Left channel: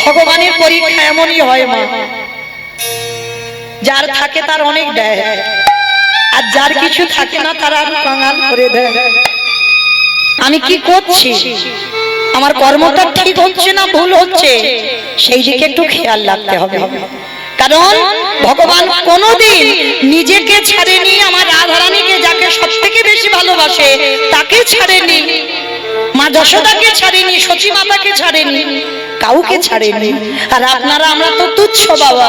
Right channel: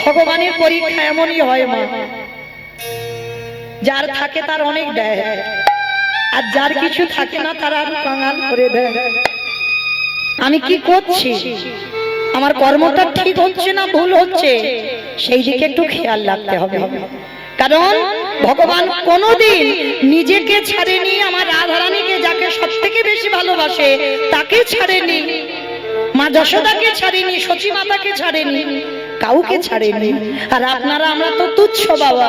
ভগবানের পরীক্ষা এমনই হয় মা, যার থাকে তার অনেক দেয়, আর যার কিছু থাকে না তার আর কাঙাল করে দেয়। আমি কি করছি, আমার কর্মটা ঠিক হচ্ছে না ভুল হচ্ছে, সেই দিকে একটু খেয়াল রাখতে হবে। কারণ ভগবান কোনোদিন নিজেকে ছাড়েনি, আমার রাধারানীকে যাকে সব থেকে বেশি ভালোবাসে তাকে ছাড়েনি, মা যশোদাকে ছাড়েনি, সচী মাতাকে ছাড়েনি, কাউকে ছাড়েনি। আর আপনারা আমরা তো তুচ্ছ বাবা,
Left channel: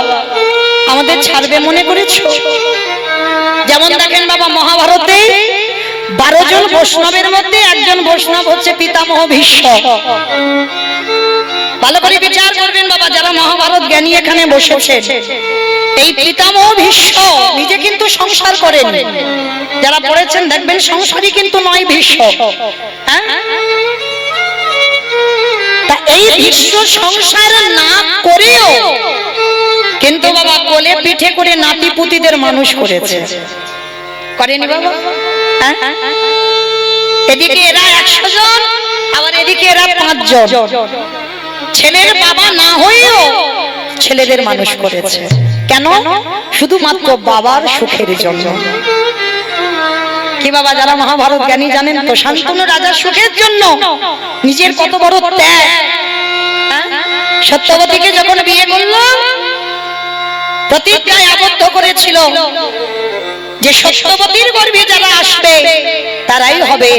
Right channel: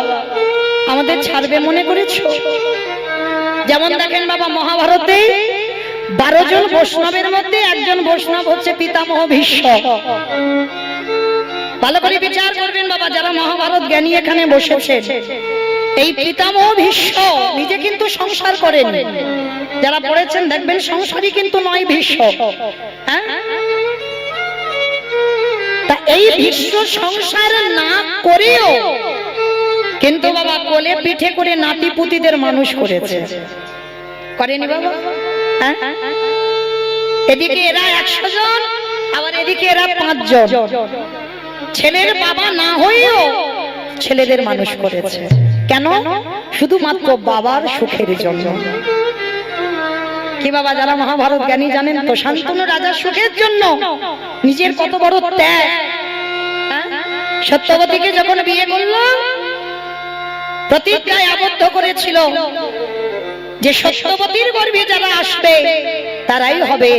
আমাদের ছাড়বে মনে করেছো? যেমন দেখেন বাবা, মহাভারতে 12 জন বৈষ্ণবের মধ্যে একজন বৈষ্ণব হচ্ছে পিতামহ ভীষ্ম। ভালো করে বিচার করবেন বাবা, যারা মহাভারত জ্ঞানী এখানে বসেছে। এই পিতামহ ভীষ্ম নিজে কিন্তু সংসার করেন, যারা পড়েছেন দেখবেন সংসারী কিন্তু নয় ভীষ্ম। হ্যাঁ, তা এই ভীষ্ম সংসার না করেও কিন্তু বাবা কোলে পিঠে করে নাতি পুতিদের মানুষ করেছে, করেনি বাবা? এদিকে এরা 100 জন, আবার এদিকে এরা 5 জন। ছেলের বাবা না হয়েও ছেলেদের মানুষ করেছে। কেন? শুধুমাত্র বাবার সুখের জন্য। কি বাবা, যারা মহাভারত জ্ঞানী জানেন তো, শান্তনু রাজার সুখের জন্য নিজের কত বড় ত্যাগ। সত্যবতীকে যখন বিয়ে করলো, প্রতিজ্ঞায় আবদ্ধ করেছিল যে সত্যবতীর গর্ভে যারা আসবে তারাই হবে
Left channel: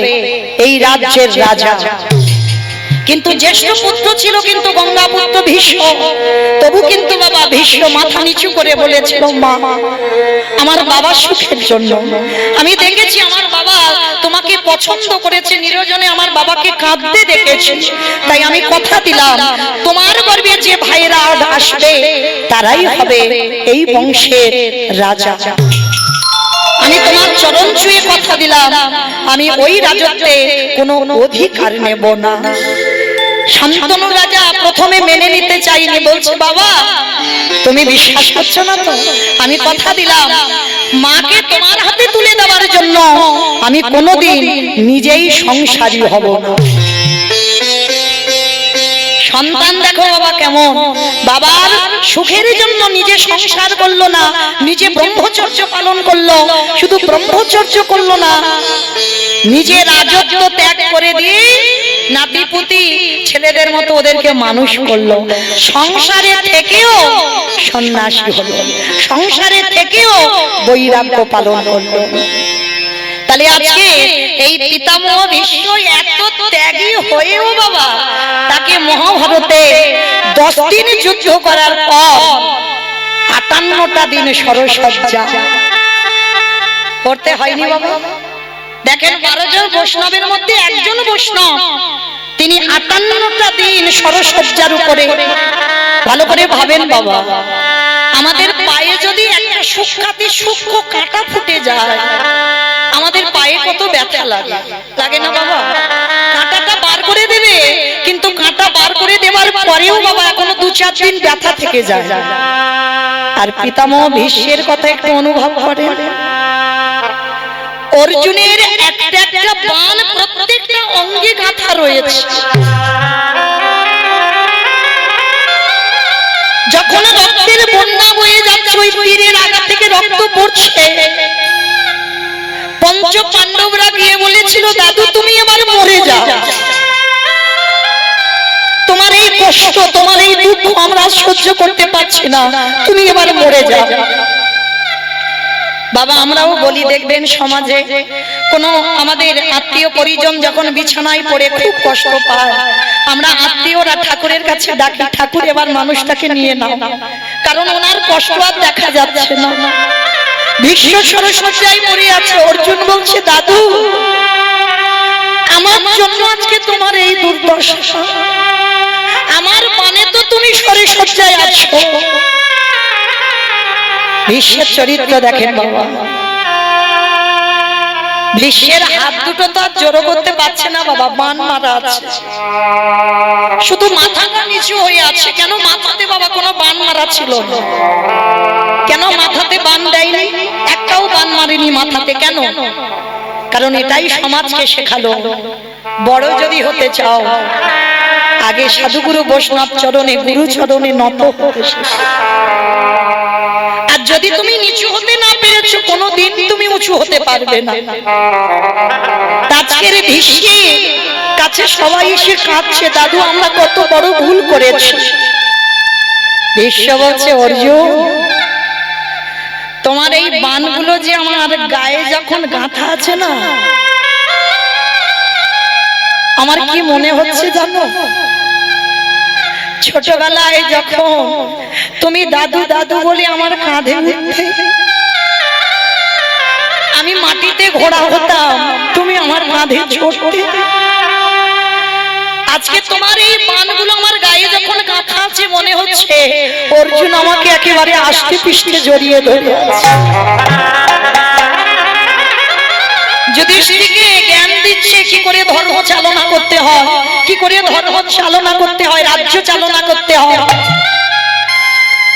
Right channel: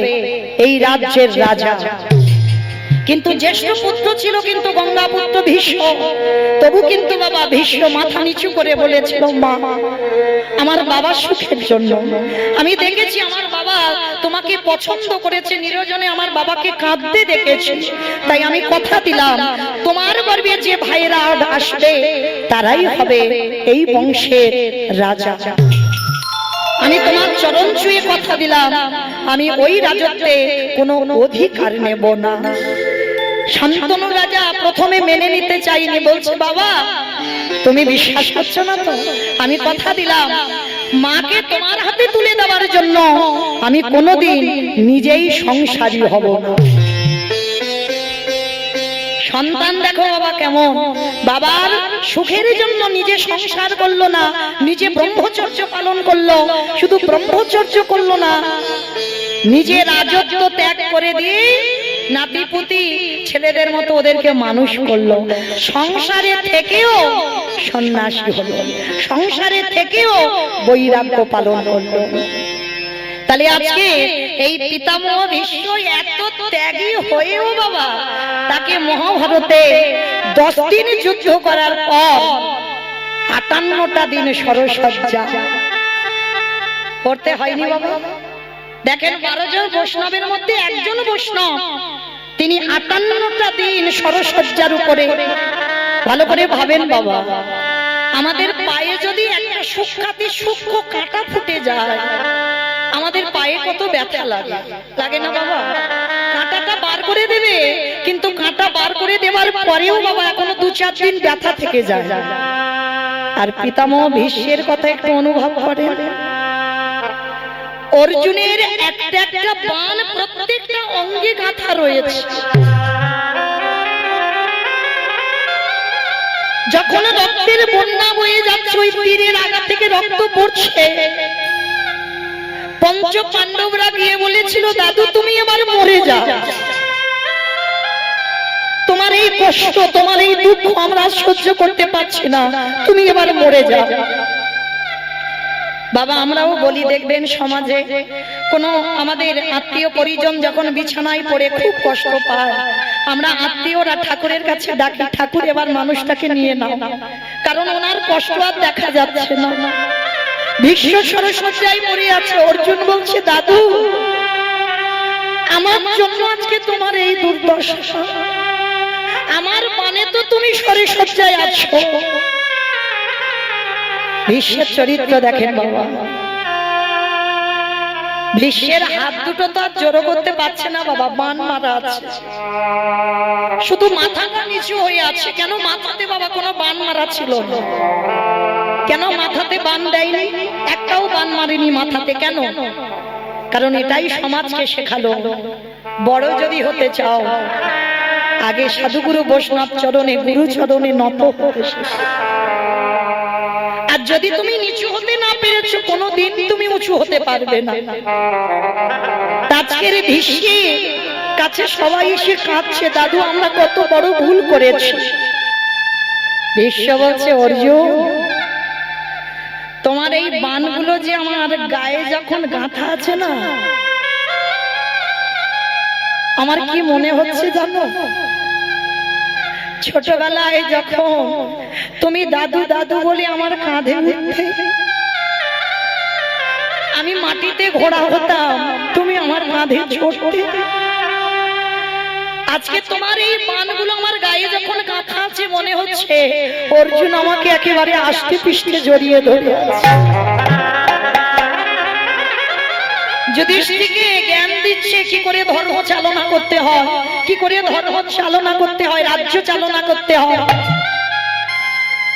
এই রাজ্যের রাজা। কিন্তু জ্যেষ্ঠ পুত্র ছিল কিন্তু গঙ্গা পুত্র ভীষ্ম, তবু কিন্তু বাবা ভীষ্ম মাথা নিচু করে বলেছিল, মা আমার বাবার সুখের জন্য, আমি দেখেছি আমার বাবা তোমাকে পছন্দ করেছে, নিরজনে আমার বাবাকে কাঁদতে দেখেছি, তাই আমি কথা দিলাম তোমার গর্ভে যে ভাইরা আসবে তারাই হবে এই বংশের রাজা। আমি তোমার চরণ ছুঁয়ে কথা দিলাম, আমি ওই রাজত্বে কোনো অধিকার নেব না। শান্তনু রাজা প্রথমে মেনে নিতে চাইনি, বলছে বাবা তুমি বিশ্বাস করছো না তো, আমি কথা দিলাম মাকে তোমার হাতে তুলে দেওয়ার জন্য আমি কোনোদিন নিজেই সংসারী হব না। সন্তান দেখো বাবা কেমন, বাবার সুখের জন্য নিজে সংসার করলো না, নিজে ব্রহ্মচর্য পালন করলো, শুধু ব্রহ্মচর্য করলো না, নিজে রাজত্ব ত্যাগ করে দিয়ে নাতিপুতি ছেলেদের মতো ওদেরকে মানুষ করলো। সংসারে থেকেও সন্ন্যাসী হলো, সংসারে থেকেও বৈরাগ্য পালন করলো। তাহলে আজকে এই পিতামহ ভীষ্ম এত ত্যাগী হয়েও বাবা তাকে মহাভারতে 10 দিন যুদ্ধ করার পর 58টা দিন সরসজ্জা করতে হয়নি বাবা। দেখেন 12 জন বৈষ্ণবের মধ্যে একজন বৈষ্ণব, তিনি 58টা দিন সরসজ্জার উপরে। ভালো করে ভাবেন বাবা, আমাদের পায়ে যদি একটা সূক্ষ্ম কাঁটা ফুটে যায়, আমাদের পায়ে কত ব্যথা লাগে, লাগে না বাবা? কাঁটাটা বার করে দেবে, কিন্তু কাঁটা বার করে দেওয়ার পরেও বাবা এখনো 2-4 দিন ব্যথা থেকে যায়। আর পিতামহ ভীষ্মের কথা একটু অনুভব করেন, অর্জুনের একটা একটা বাণ প্রত্যেকটা অঙ্গে গাঁথা রয়েছে। যখন রক্তের বন্যা বয়ে যাচ্ছে, ওই তীরের আগা থেকে রক্ত পড়ছে, পঞ্চ পাণ্ডবরা গিয়ে বলেছিল, দাদু তুমি এবার মরে যাও, তোমার এই কষ্ট তোমার এই দুঃখ আমরা সহ্য করতে পারছি না, তুমি এবার মরে যাও। বাবা আমরাও বলি, দেখবেন সমাজে কোন আমাদের আত্মীয় পরিজন যখন বিছানায় পড়ে খুব কষ্ট পায়, আমরা আত্মীয়রা ঠাকুরের কাছে ডাকি, ঠাকুর এবার মানুষটাকে নিয়ে নাও, কারণ ওনার কষ্ট আর দেখা যাচ্ছে না। ভীষ্ম সরসজ্জায় পড়ে আছে, অর্জুন বলছে, দাদু আমার জন্য আজকে তোমার এই দুর্দশা, আমার মানে তো তুমি সরসজ্জায় আছো। ভীষ্মের চরিত্র দেখেন বাবা, ভীষ্মের হাত দুটো তো আর জড়ো করতে পারছে না বাবা, বান মারা আছে, শুধু মাথাটা নিচু হয়ে আছে। কেন? মাথাতে বাবা কোনো বান মারা ছিল না। কেন মাথাতে বান দেয়নি? একটাও বান মারেনি মাথাতে। কেন? কারণ এটাই সমাজকে শেখালো, বড় যদি হতে চাও আগে সাধুগুরু বৈষ্ণব চরণে গুরু চরণে নত হতে শেষ। আর যদি তুমি নিচু হতে না পেরেছো কোনোদিন তুমি উঁচু হতে পারবে না। আজকের ভীষ্মের কাছে সবাই এসে কাঁদছে, দাদু আমরা কত বড় ভুল করেছি। ভীষ্ম বলছে অর্জুন তোমার এই বাণগুলো যে আমার গায়ে যখন গাঁথা আছে না, আমার কি মনে হচ্ছে জানো, ছোটবেলায় যখন তুমি দাদু দাদু বলে আমার কাঁধে উঠতে, আমি মাটিতে ঘোড়া হতাম, তুমি আমার কাঁধে চড়তে। আজকে তোমার এই বাণগুলো আমার গায়ে যখন গাঁথা আছে মনে হচ্ছে অর্জুন আমাকে একেবারে আষ্টে পৃষ্ঠে জড়িয়ে ধরে আছে। যুধিষ্ঠিরকে জ্ঞান দিচ্ছে কি করে ধর্ম চালনা করতে হয়, কি করে ধর্ম চালনা করতে হয়, রাজ্য চালনা করতে হয়।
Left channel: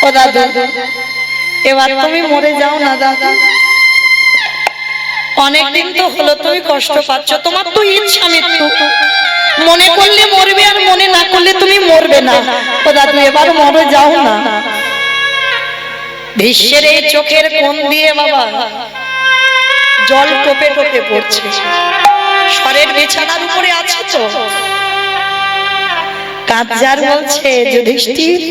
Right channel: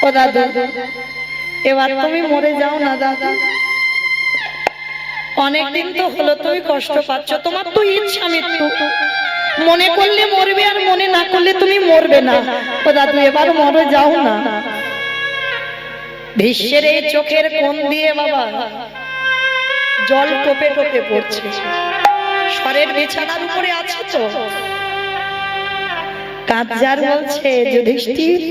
ও দাদা এবার তুমি মরে যাও না দাদা, অনেকদিন তো হলো তুমি কষ্ট পাচ্ছ, তোমার তো ইচ্ছা মৃত্যু, মনে করলে মরবে আর মনে না করলে তুমি মরবে না। ও দাদু এবার মরে যাও না। ভীষ্মের এই চোখের কোণ দিয়ে বাবা জল টোপে টোপে পড়ছে, স্বরের বিছানার উপরে আছে তো কাঁদজার বলছে যুধিষ্ঠির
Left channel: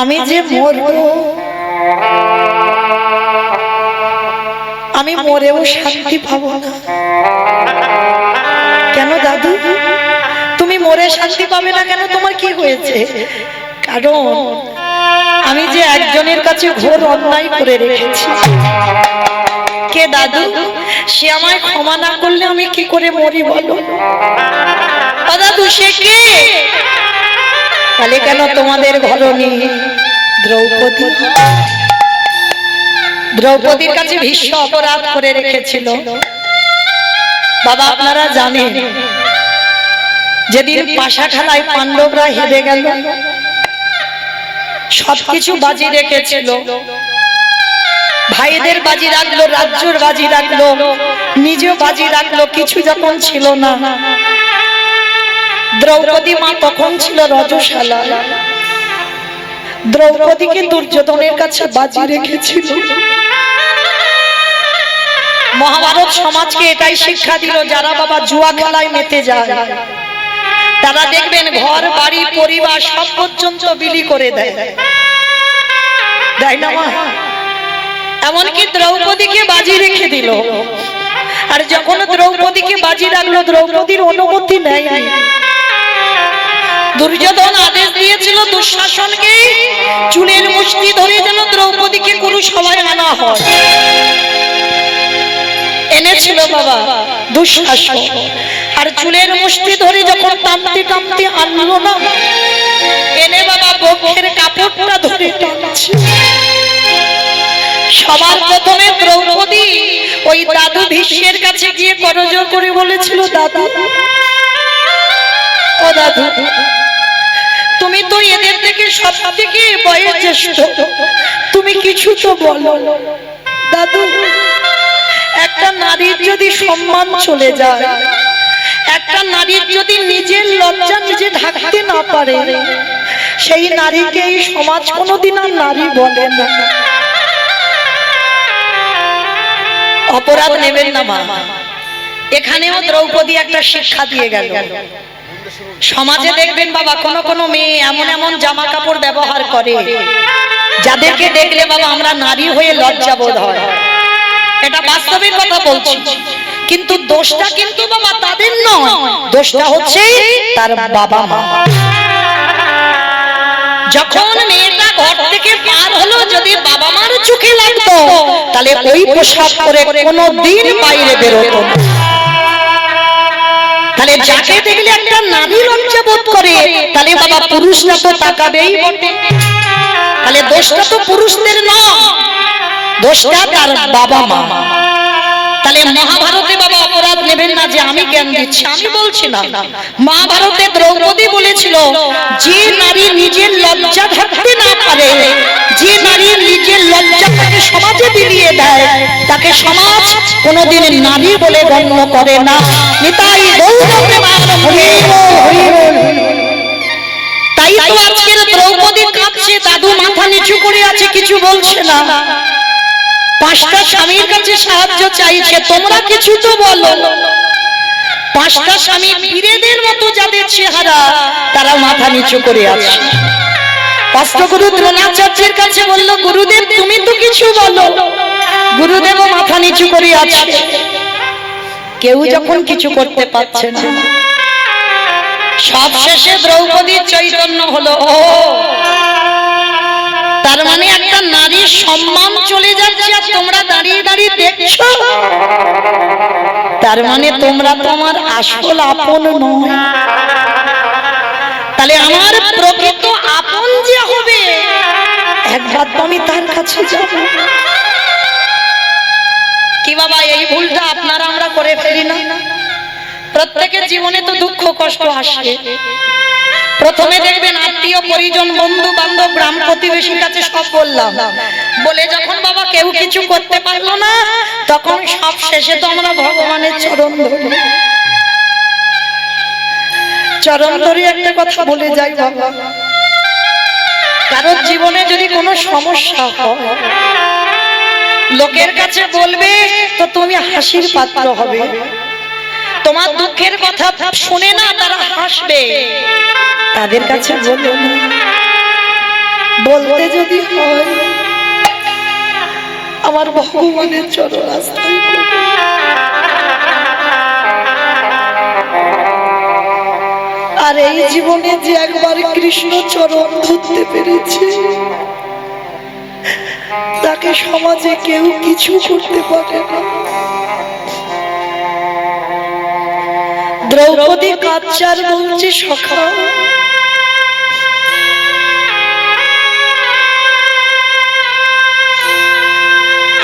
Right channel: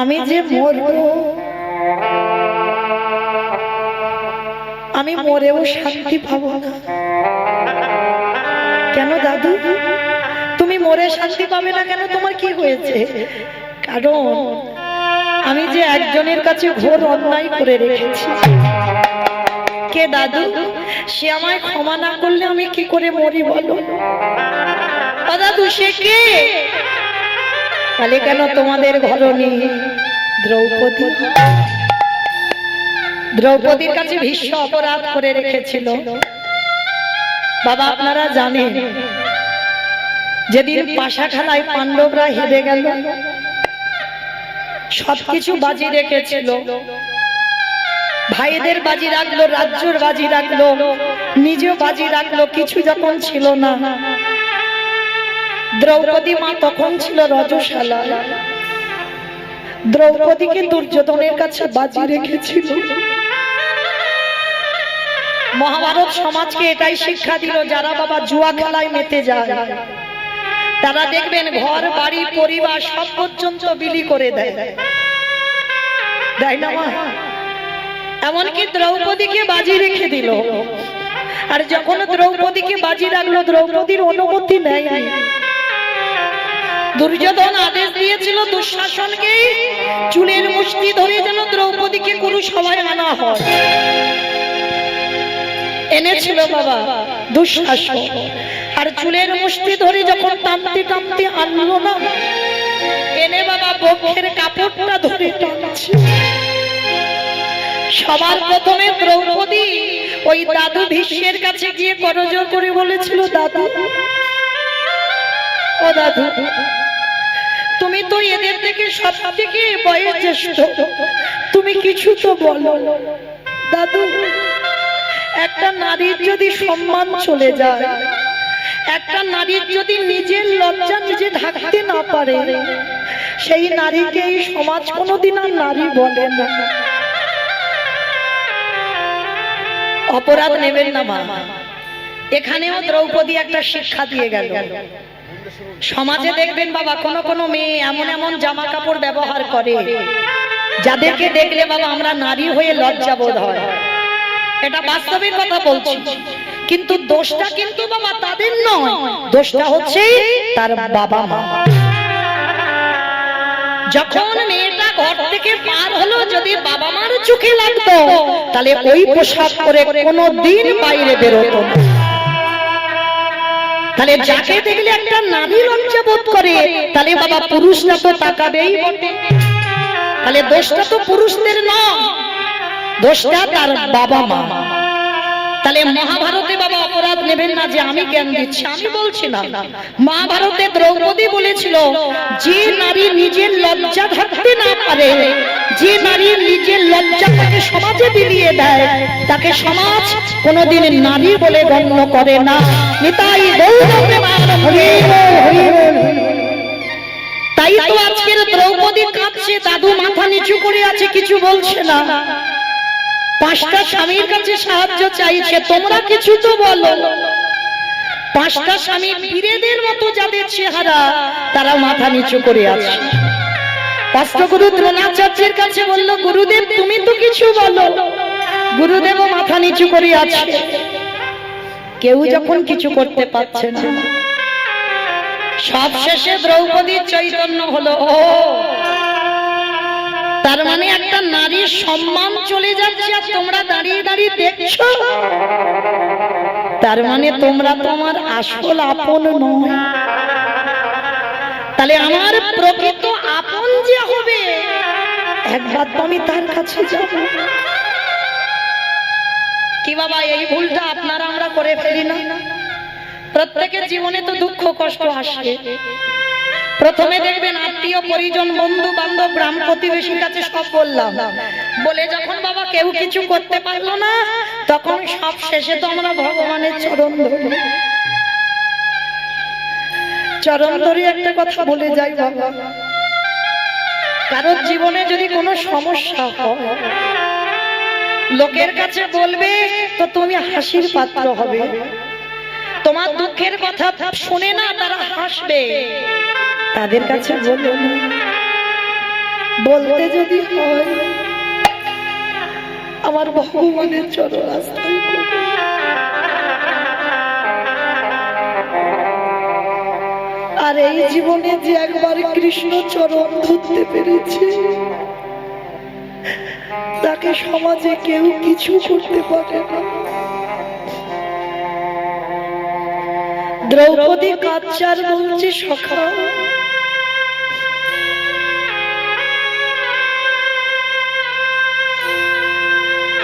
আমি যে মরবো, আমি মরেও শান্তি পাবো না। কেন দাদু তুমি মরে শান্তি পাবে না কেন, তোমার কি হয়েছে? কারণ আমি যে একজনের কাছে ঘোর অন্যায় করে রেখেছি। কে দাদু? সে আমায় ক্ষমা না করলে আমি কি করে মরি বলো? ও দাদু সে কে? তাহলে কেন তোমাদের ঘরণী দ্রৌপদী, দ্রৌপদীর কাছে ভীষ্ম অপরাধ করে রেখেছিল। বাবা আপনারা জানেন যেদিন পাশা খেলায় পাণ্ডবরা হেরে গেল, সবকিছু বাজি রেখেছিল, ভাইদের বাজি রাখলো, রাজ্যর বাজি রাখলো, নিজেও বাজি রাখলো, কিছু যখন ছিল না। দ্রৌপদী মা তখন ছিল রজশালা, দ্রৌপদীকে দুর্যোধনের কাছে বাজি রেখেছিল। মহাভারত সমাজকে এটাই শিক্ষা দিল, যারা বাবা জুয়া খেলায় মেতে যায় তারা দেখবেন ঘর বাড়ি পরিবার সব পর্যন্ত বিলি করে দেয়, তাই না মা? এমনকি দ্রৌপদীকে বাজি রেখে দিল। আর যখন দ্রৌপদীকে বাজি রাখলো দ্রৌপদীর অনুমতি নেয়, দুর্যোধন আদেশ দিয়েছিল দুঃশাসনকে চুলের মুষ্টি ধরে যেন দ্রৌপদীকে কুরুসভায় আনা হয়। এনেছিল বাবা দুঃশাসন, আর চুলের মুষ্টি ধরে যখন টানতে টানতে আনলো না, এনে বাবা বক্ষের কাপড়টা ধরে টানছে। সবার প্রথমে দ্রৌপদী ওই দাদু ভীষ্মের কাছে গিয়ে করজোড় করে বলেছিল, দাদু ও দাদু তুমি তো এদের থেকে সব থেকে বয়স জ্যেষ্ঠ, তুমি কিছু তো বলো। দাদু একটা নারীর যদি সম্মান চলে যায়, একটা নারীর যদি নিজের লজ্জা নিজে ঢাকতে না পারে, সেই নারীকে এই সমাজ কোনোদিন আর নারী বলে না। অপরাধ নেবেন না মা, এখানেও দ্রৌপদী একটা শিক্ষা দিয়ে গেল। সমাজে দেখবেন বাবা কোন কোন মেয়ে এমন এমন জামা কাপড় ব্যবহার করে যাদেরকে দেখলে বাবা আমরা নারী হয়ে লজ্জা বোধ হয়, এটা বাস্তবের কথা বলছি। কিন্তু দোষটা কিন্তু বাবা তাদের নয়, দোষটা হচ্ছে তার বাবা মা। যখন মেয়েটা ঘর থেকে পার হলো, যদি বাবা মার চোখে লাগতো তাহলে ওই পোশাক পরে কোনোদিন বাইরে বেরোতো না। তাহলে যাকে দেখলে একটা নারী লজ্জা বোধ করে, তাহলে বাবা পুরুষরা তো তাকাবেই বটে। তাহলে দোষটা তো পুরুষদের নয়, দোষটা তার বাবা মা। তাহলে মহাভারতে বাবা অপরাধ নেবেন না যে আমি জ্ঞান দিচ্ছি, আমি বলছি না। মহাভারতে দ্রৌপদী বলেছিল যে নারী নিজের লজ্জা ঢাকতে না পারে যে নারীর নিজের লজ্জাটাকে সমাজে বিলিয়ে দেয় তাকে সমাজ কোনোদিন নারী বলে গণ্য করে না। নিতাই তাই তো আজকের দ্রৌপদী কাঁদছে, দাদু মাথা নিচু করে আছে, কিছু বলছে না। পাঁচটা স্বামীর কাছে সাহায্য চাইছে, তোমরা কিছু তো বলো। পাঁচটা স্বামী বীরেদের মতো যাদের চেহারা, তারা মাথা নিচু করে আছে। অষ্টগুরু দ্রোণাচার্যের কাছে বলল, গুরুদেব তুমি তো কিছু বলো। গুরুদেবও মাথা নিচু করে আছে। কেউ যখন কিছু করতে পারছে না, সব শেষে দ্রৌপদীর চৈতন্য হলো, ও তার মানে একটা নারীর সম্মান চলে যাচ্ছে আর তোমরা দাঁড়িয়ে দাঁড়িয়ে দেখছো, তার মানে তোমরা তোমার আসল আপন নয়। তাহলে আমার প্রকৃত আপন যে হবে, একবার তো আমি তার কাছে যাব। কি বাবা, এই ভুলটা আপনারা আমরা করে ফেলি না? প্রত্যেকের জীবনে তো দুঃখ কষ্ট আসে। প্রথমে দেখবেন আত্মীয় পরিজন বন্ধু বান্ধব গ্রাম প্রতিবেশীর কাছে সব বললাম, বলে যখন বাবা কেউ কিছু করতে পারলো না, তখন সব শেষে তো আমরা ভগবানের চরণ ধরি। চরণ ধরে একটা কথা বলে যাই বাবা, কারোর জীবনে যদি কোনো সমস্যা হয়, লোকের কাছে বলবে তো তুমি হাসির পাত্র হবে। তোমার দুঃখের কথা শুনে না তারা হাসবে, তাদের কাছে বলো না। বলতে যদি হয় আমার ভগবানের চরণ আশ্রয় করো। আর এই জীবনে যে একবার কৃষ্ণ চরণ ধরতে পেরেছে, তাকে সমাজে কেউ কিছু করতে পারে না। দ্রৌপদী কাচ্চার বলছে, সখা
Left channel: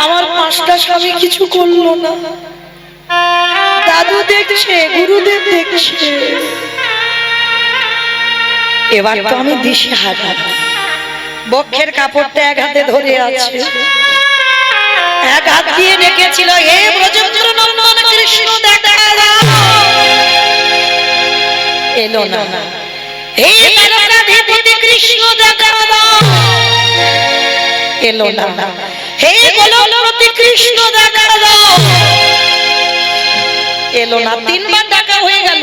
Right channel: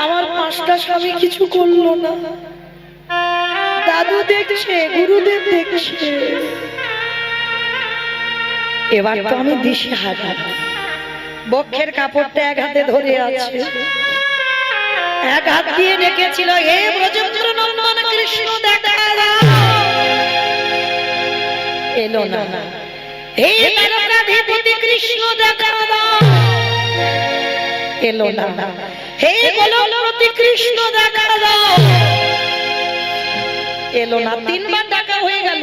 আমার পাঁচটা স্বামী কিছু করলো না, দাদু দেখছে, গুরুদেব দেখছে, এবার তো আমি দিশে হারা। বক্ষের কাপড়টা এক হাতে ধরে আছে, এক হাত দিয়ে ডেকেছিল, হে ব্রজেন্দ্র নন্দন কৃষ্ণ দেখা দাও। এলো না। হে দ্বারকাধীপতি কৃষ্ণ দেখা দাও। এলো না। হে গোলকপতি কৃষ্ণ দেখা দাও। এলো না। তিনবার ডাকা হয়ে গেল,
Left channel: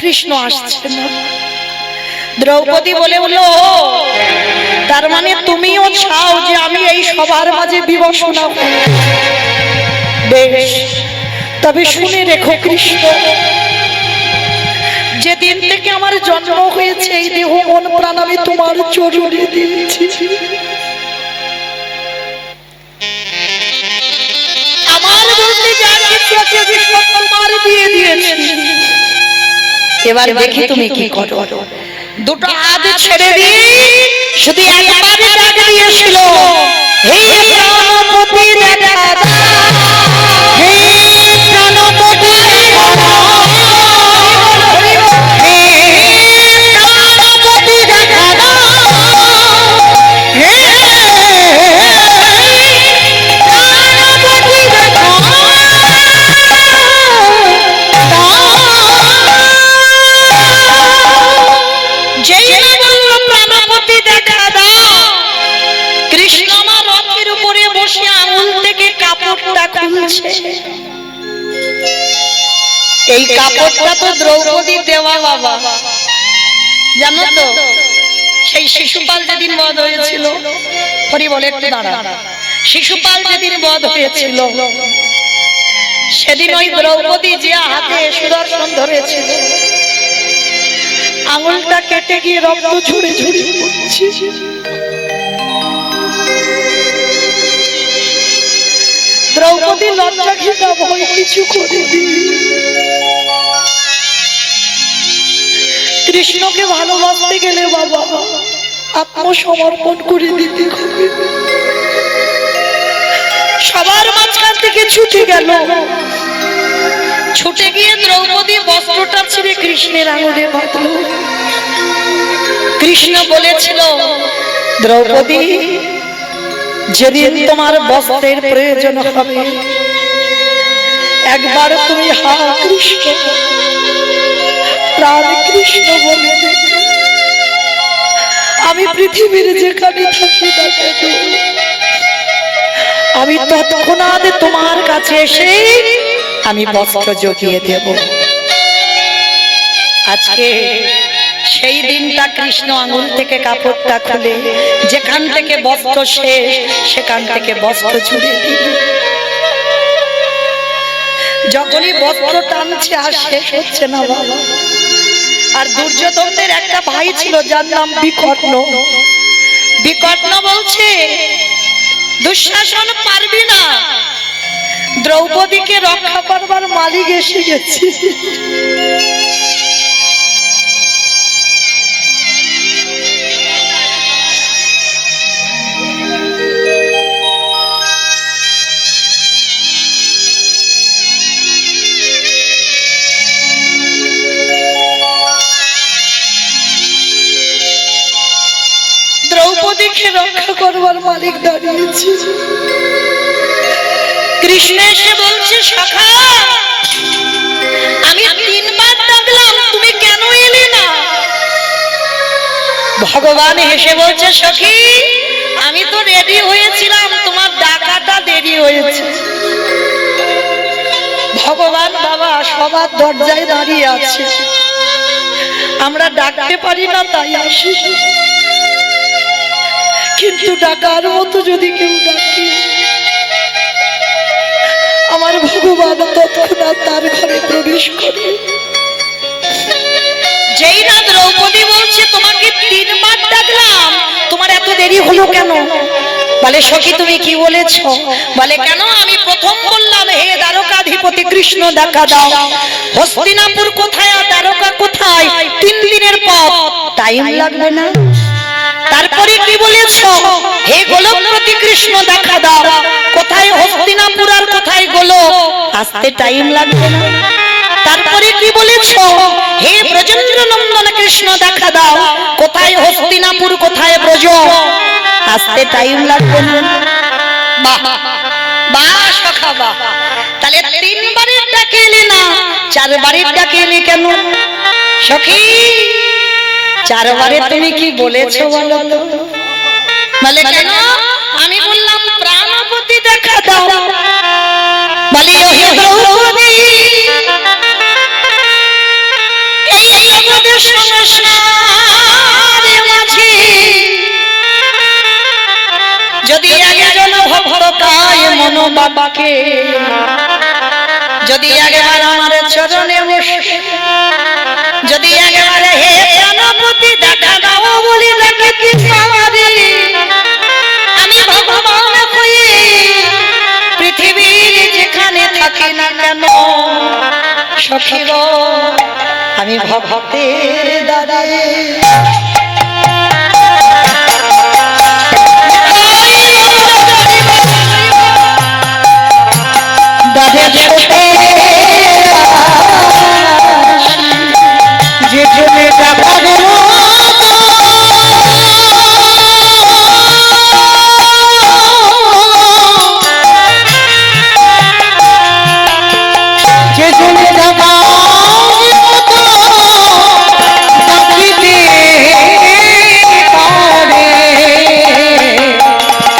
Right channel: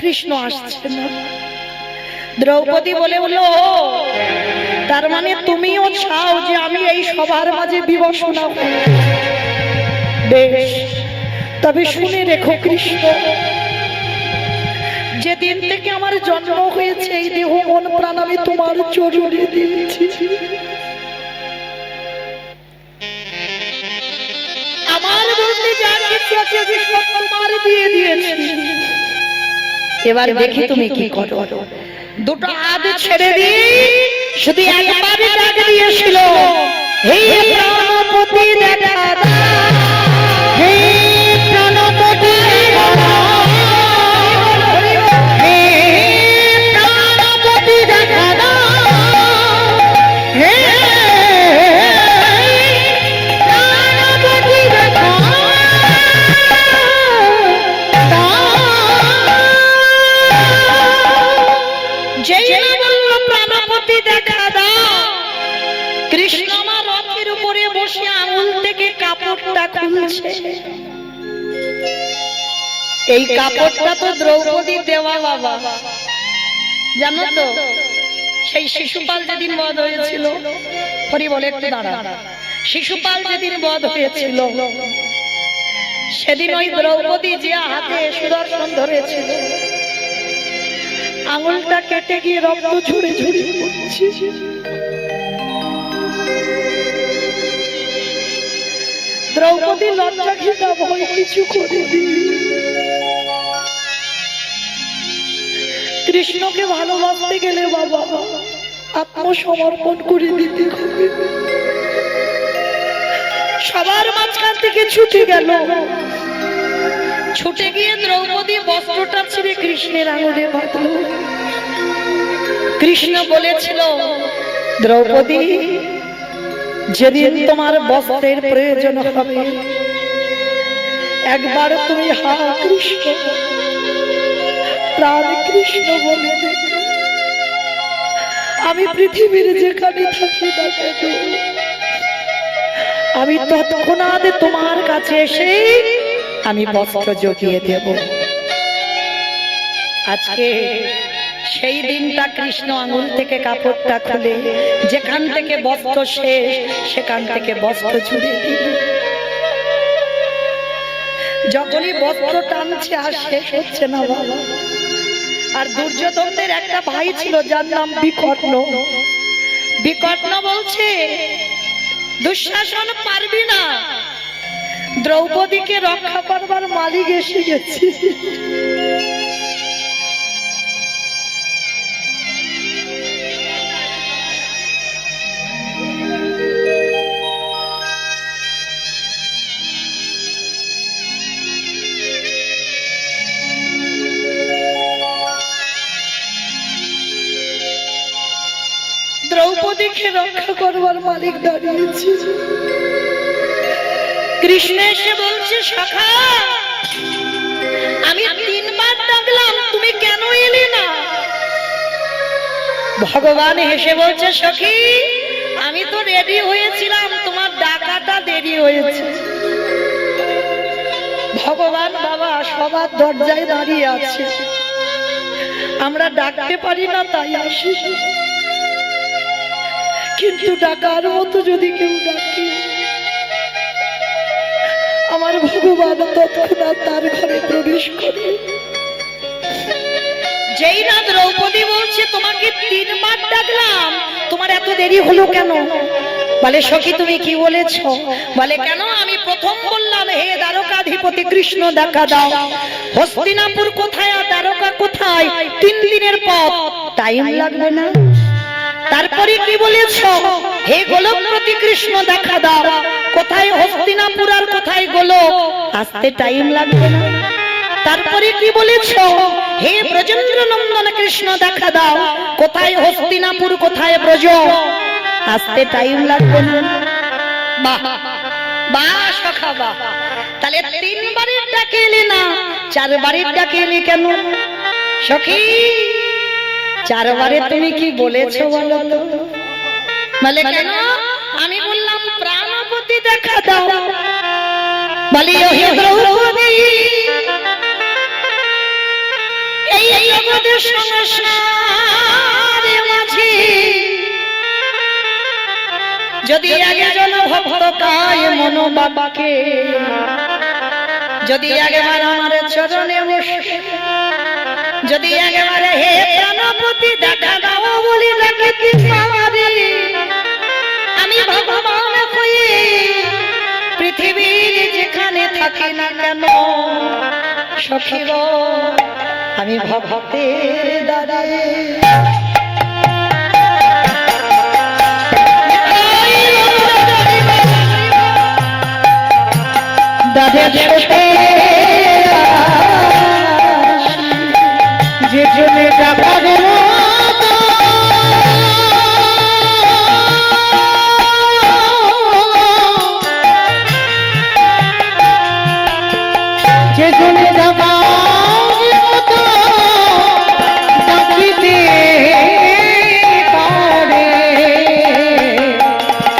কৃষ্ণ আসছে না। দ্রৌপদী বলে বলল, তার মানে তুমিও চাও যে আমি এই সবার মাঝে বিবশনা হই? বেশ, তবে শুনে রেখো কৃষ্ণ, যেদিন থেকে আমার জন্ম হয়েছে এই দেহ মন প্রাণ আমি তোমার চরণে দিয়েছি। আমার বলতে যা কিছু আছে সব তোমার দিয়ে দিয়েছি। এবার দেখি তুমি কি করো। দুটো হাত ছেড়ে দিয়ে শুধু একবার ডাক দিয়েছিল, হে প্রাণপতি দেখা দাও, হে প্রাণপতি দেখা দাও, হে প্রাণপতি দেখা দাও, হে প্রাণপতি দেখা দাও। যেই বলল প্রাণপতি দেখা দাও, কৃষ্ণ আমার রথের উপরে বসে আঙুল থেকে কাপড়টা খুলছে। এই কাপড়টা তো দ্রৌপদী দেওয়া বাবা, জানো তো? সেই শিশুপাল যেদিন বধ হয়েছিল, হরি বলে একটু দাঁড়া, শিশুপাল যেদিন বধ হয়েছিল সেদিন ওই দ্রৌপদী যে হাতে সুদর্শন ধরেছিল, আঙুলটা কেটে গিয়ে রক্ত ঝরে ঝরে পড়ছে। দ্রৌপদী লজ্জা ঘৃণা ভয় কিছু করেনি। কৃষ্ণকে ভালোবাসতে গেলে বাবা আত্মসমর্পণ করে দিতে হবে। সবার মাঝখান থেকে ছুটে গেল, ছুটে গিয়ে দ্রৌপদী বস্ত্রটা ছিঁড়ে কৃষ্ণের আঙুলে বাঁধল। কৃষ্ণ বলেছিল, দ্রৌপদী যেদিন তোমার বস্ত্রের প্রয়োজন হবে একবার তুমি হা কৃষ্ণ প্রাণ কৃষ্ণ বলে দেবে। আমি পৃথিবীর যেখানে থাকি না কেন আমি তৎক্ষণাৎ তোমার কাছে এসে আমি বস্ত্র জুগিয়ে দেব। আজকে সেই দিনটা কৃষ্ণ আঙুল থেকে কাপড়টা খুলে যেখান থেকে বস্ত্র শেষ সেখান থেকে বস্ত্র জুড়ে দিল। যখনই বস্ত্র টানছে আর শেষ হচ্ছে না বাবা। আর দুর্যোধনদের একটা ভাই ছিল যার নাম বিকর্ণ। বিকর্ণ বলছে দুঃশাসন পারবি না, দ্রৌপদীকে রক্ষা করবার মালিক এসে গেছে। দ্রৌপদীকে রক্ষা করবার মালিক দাঁড়িয়েছে। কৃষ্ণ এসে বলছে সখা আমি 3 বার ডাকলাম তুমি কেন এলে না? ভগবান হেসে বলছে সখী আমি তো রেডি হয়েছিলাম, তোমার ডাকাটা দেরি হয়েছে। ভগবান বাবা সবার দরজায় দাঁড়িয়ে আছে, আমরা ডাকতে পারি না তাই আসি, কিন্তু ডাকার মতো যদি কেউ ডাকে আমার ভগবান তৎক্ষণাৎ তার ঘরে প্রবেশ করে। যেই না দ্রৌপদী বলছে তোমাকে 3 বার ডাকলাম তোমার এত দেরি হলো কেন? বলে সখী তুমি কি বলেছো? বলে কেন আমি প্রথম বললাম হে দ্বারকাধিপতি কৃষ্ণ দেখা দাও, হস্তিনাপুর কোথায় আর দ্বারকা কোথায়, 3 দিনের পথ, টাইম লাগবে না? তারপরে কি বলেছো হে গোলকপতি কৃষ্ণ দেখা দাও, কোথায় হস্তিনাপুর আর কোথায় গোলক, আসতে টাইম লাগবে না? তারপরে কি বলেছো হে ব্রজেন্দ্র নন্দন কৃষ্ণ দেখা দাও, কোথায় হস্তিনাপুর কোথায় ব্রজ, আসতে টাইম লাগবে না? বাহ বাহ সখা বাহ। তাহলে 3 বারের ডাকে এলে না, 4 বারের ডাকে এলে কেন? সখী 4 বারে তুমি কি বলেছো বলো তো? বলে কেন? আমি বললাম প্রাণপতি দেখা দাও। বলি হে দ্রৌপদী এই আমাদের সংসারে মাঝে যদি একজন ভক্তকায় মন বাবাকে যদি একবার আমার চরণে বসে যদি একবার হে প্রাণপতি দেখা দাও বলি ডাকে আমি ভগবান হয়ে পৃথিবীর যেখানে থাকি না কেন সখী গো আমি ভক্তের দ্বারে যেখানে দেখা গেল যেখানে দেখা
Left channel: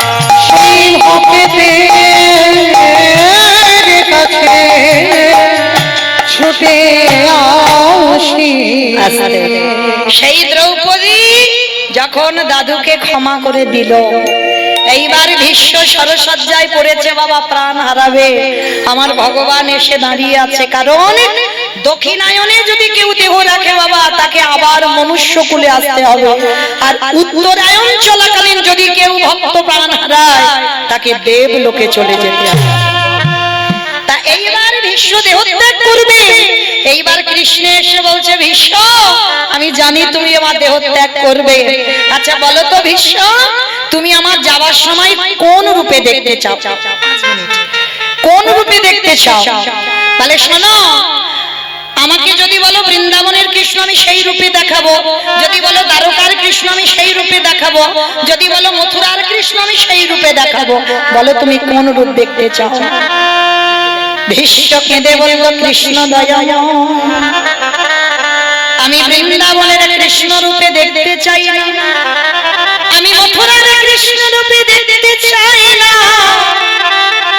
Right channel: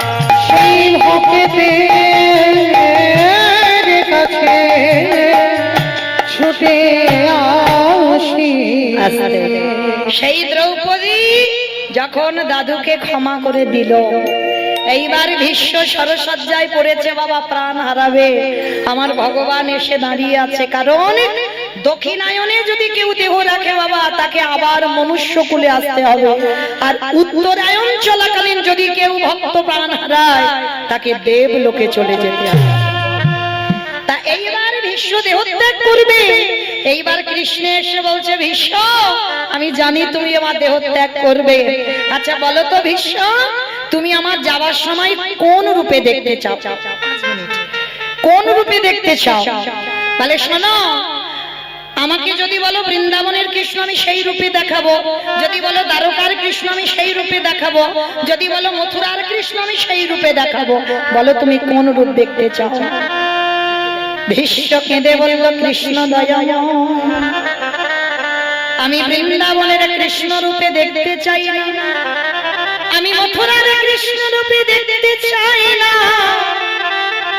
সেই দ্রৌপদী যখন দাদুকে ক্ষমা করে দিল, এইবার ভীষ্ম সরসজ্জায় পড়েছে বাবা প্রাণ হারাবে, আমার ভগবান এসে দাঁড়িয়ে আছে। কারণ দক্ষিণায়নে যদি কেউ দেহ রাখে বাবা তাকে আবার মনুষ্য কুলে আসতে হবে, আর উত্তরায়ণ চলাকালীন যদি কেউ ভক্ত প্রাণ হারায় তাকে দেব লোকে চলে যেতে হবে। তা এইবার ভীষ্ম দেহত্যাগ করবে। এইবার কৃষ্ণ এসে বলছে ভীষ্ম আমি জানি তুমি আমার দেহত্যাগ করবে, আচ্ছা বলো তো ভীষ্ম তুমি আমার যাওয়ার সময় কোন রূপে দেখতে চাও? কোন রূপে দেখতে চাও? বলে শোনো আমাকে যদি বলো বৃন্দাবনের কৃষ্ণ আমি সেই রূপে দেখাবো, যদি বলো দ্বারকার কৃষ্ণ কৃষ্ণ আমি সেই রূপে দেখাবো, যদি বলো মথুরার কৃষ্ণ আমি সেই রূপে দেখাবো, বলো তুমি কোন রূপ দেখতে চাও? ভীষ্ম কেঁদে বলল কৃষ্ণ দয়াময়, আমি বৃন্দাবনের কৃষ্ণ রূপে দেখতে চাই না, আমি মথুরার কৃষ্ণ রূপে দেখতে চাই না,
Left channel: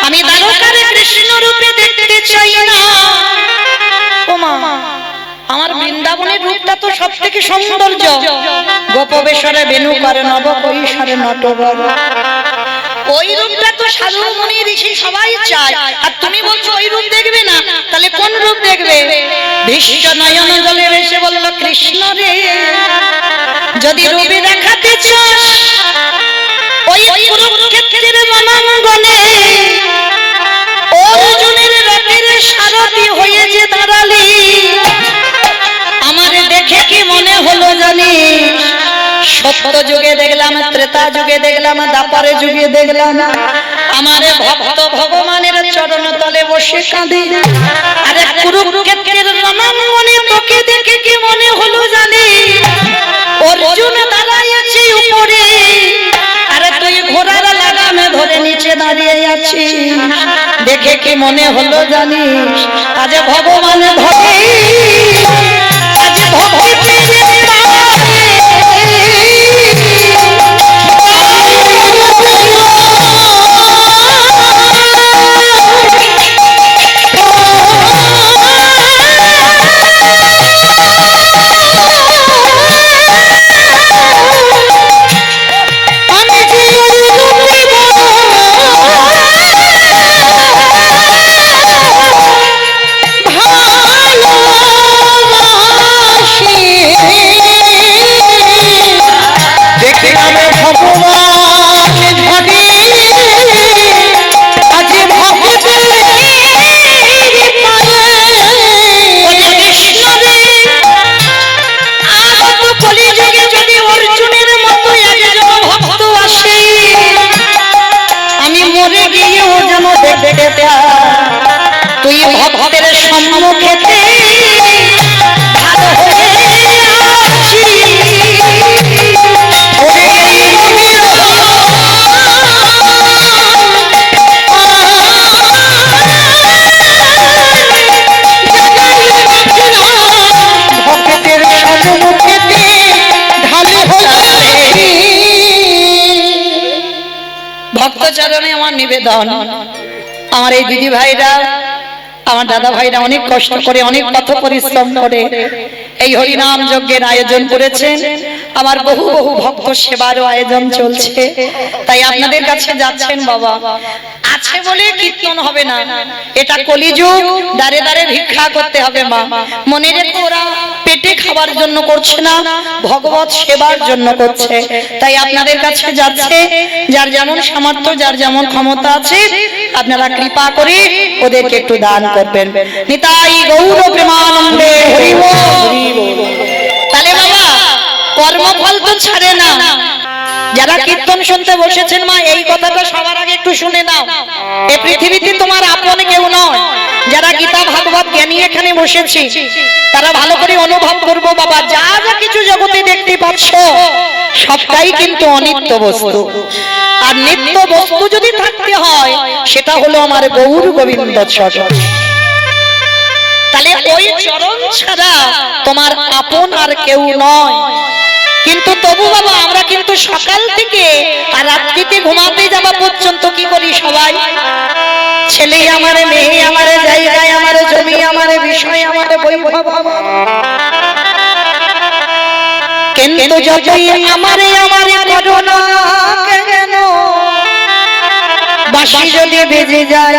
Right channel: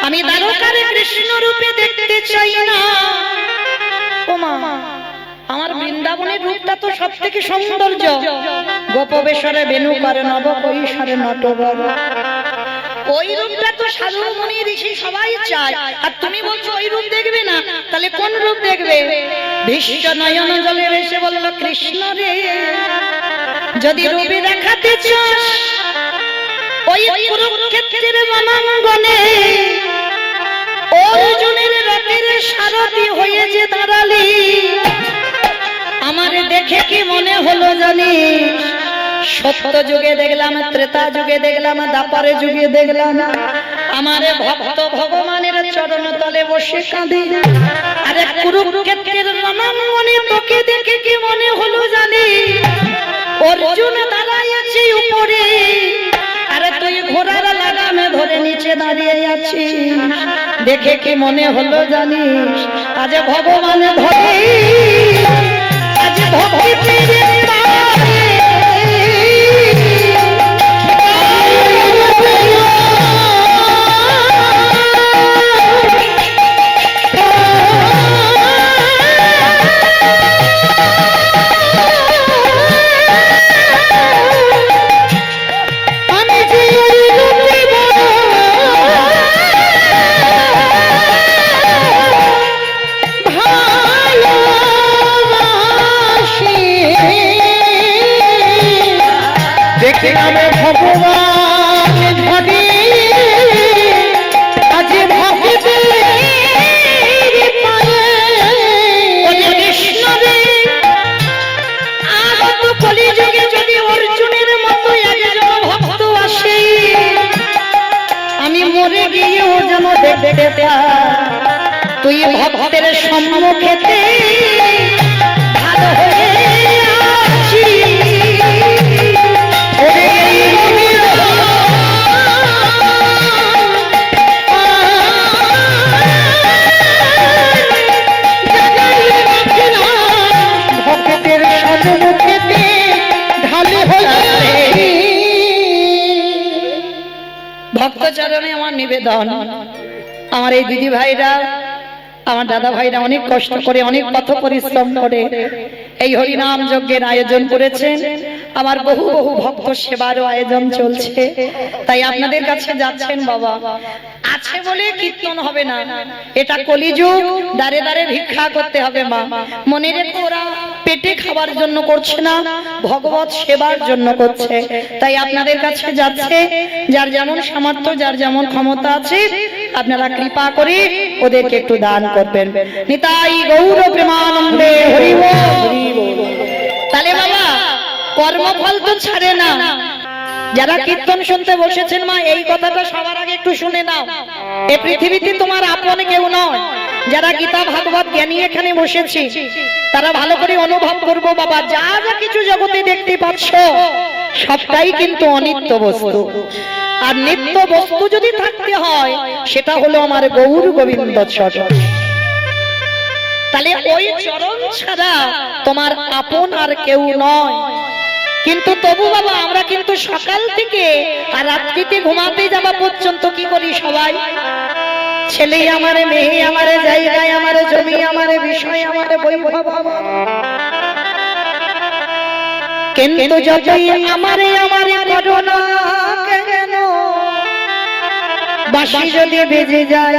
আমি দ্বারকার কৃষ্ণ রূপে দেখতে চাই না। ওমা, আমার বৃন্দাবনের রূপটা তো সব থেকে সৌন্দর্য, গোপবেশরে বেণু করে নব কৈশোরে নটবর, ওই রূপটা তো সাধু মুনি ঋষি সবাই চায়, আর তুমি বলছো ওই রূপ দেখবে না, তাহলে কোন রূপ দেখবে? ভীষ্ম নয়ন জলে এসে বলল কৃষ্ণ রে, যদি রূপে দেখাতে চাস ওই কুরুক্ষেত্রের রণাঙ্গনে অর্জুনের রথের সারথি হয়ে যে দাঁড়ালি, আমার দেখে কি মনে হলো জানিস? সত্য যুগে দেখলাম, ত্রেতা যুগে দেখলাম, দ্বাপরে যুগে দেখলাম, আমার ভক্ত ভগবানের চরণ তলে বসে কাঁদে, আরে কুরুক্ষেত্রের রণাঙ্গনে তোকে দেখে কি মনে হলো জানিস? অর্জুন দাঁড়ায় আছে উপরে, আরে তুই ঘোড়ার লাগামে ধরে নিচে দাঁড়িয়ে আছিস, দেখে কি মনে হলো জানিস? আজ ভগবান ভবে, আজ ভক্তি তুই ভক্তের সম্মুখেতে ভালো হয়ে ভক্তের সম্মুখেতে ভালো হয়ে। ভক্তচরণে আমার নিবেদন, আমার এই দিদি ভাইরা, আমার দাদা ভাইরা অনেক কষ্ট করে, অনেক পথ পরিশ্রম করে এই হরিনাম যজ্ঞের আয়োজন করেছেন, আমার বহু বহু ভক্ত সেবারও আয়োজন চলছে, তাই আপনাদের কাছে যাচ্ছেন বাবা, আছে বলে কীর্তন হবে না, এটা কলিযুগ, দাঁড়ে দাঁড়ে ভিক্ষা করতে হবে মা, মনে রেখো ওরা পেটে খাবার জন্য করছে না, ভগবত সেবার জন্য করছে, তাই আপনাদের কাছে যাচ্ছে, যার যেমন সামর্থ্য, যার যেমন ক্ষমতা আছে, আপনারা কৃপা করে ওদেরকে একটু দান করবেন। নিতাই গৌর প্রেমানন্দে হরি বল। তাহলে বাবা কর্মফল তো ছাড়ে না, যারা কীর্তন শুনতে বসেছেন মা, এই কথাটা সবার আগে একটু শুনে নাও, এই পৃথিবীতে তোমার আপন কেউ নয়, যারা গীতা ভাগবত জ্ঞানী এখানে বসেছি তারা ভালো করে অনুভব করবো বাবা, যা যা কিছু জগতে দেখতে পাচ্ছ সবটাই কিন্তু অনিত্য বস্তু, আর নিত্য বস্তু যদি থাকতে হয় সেটা হলো আমার গৌর গোবিন্দ চরণ, তাহলে ওই চরণ ছাড়া তোমার আপন আর কেউ নয়। কিন্তু তবু বাবা আমরা কিন্তু সকাল থেকে আর রাত্রিতে ঘুমাতে যাওয়া পর্যন্ত কি করি সবাই? ছেলে আমারে, মেয়ে আমারে, জায়গায় আমারে, জমি আমারে, বিষয় আমারে, বৈভব কিন্তু যতই আমারে আমারে করোনা কেন, বাঁশি যদি বেজে যায়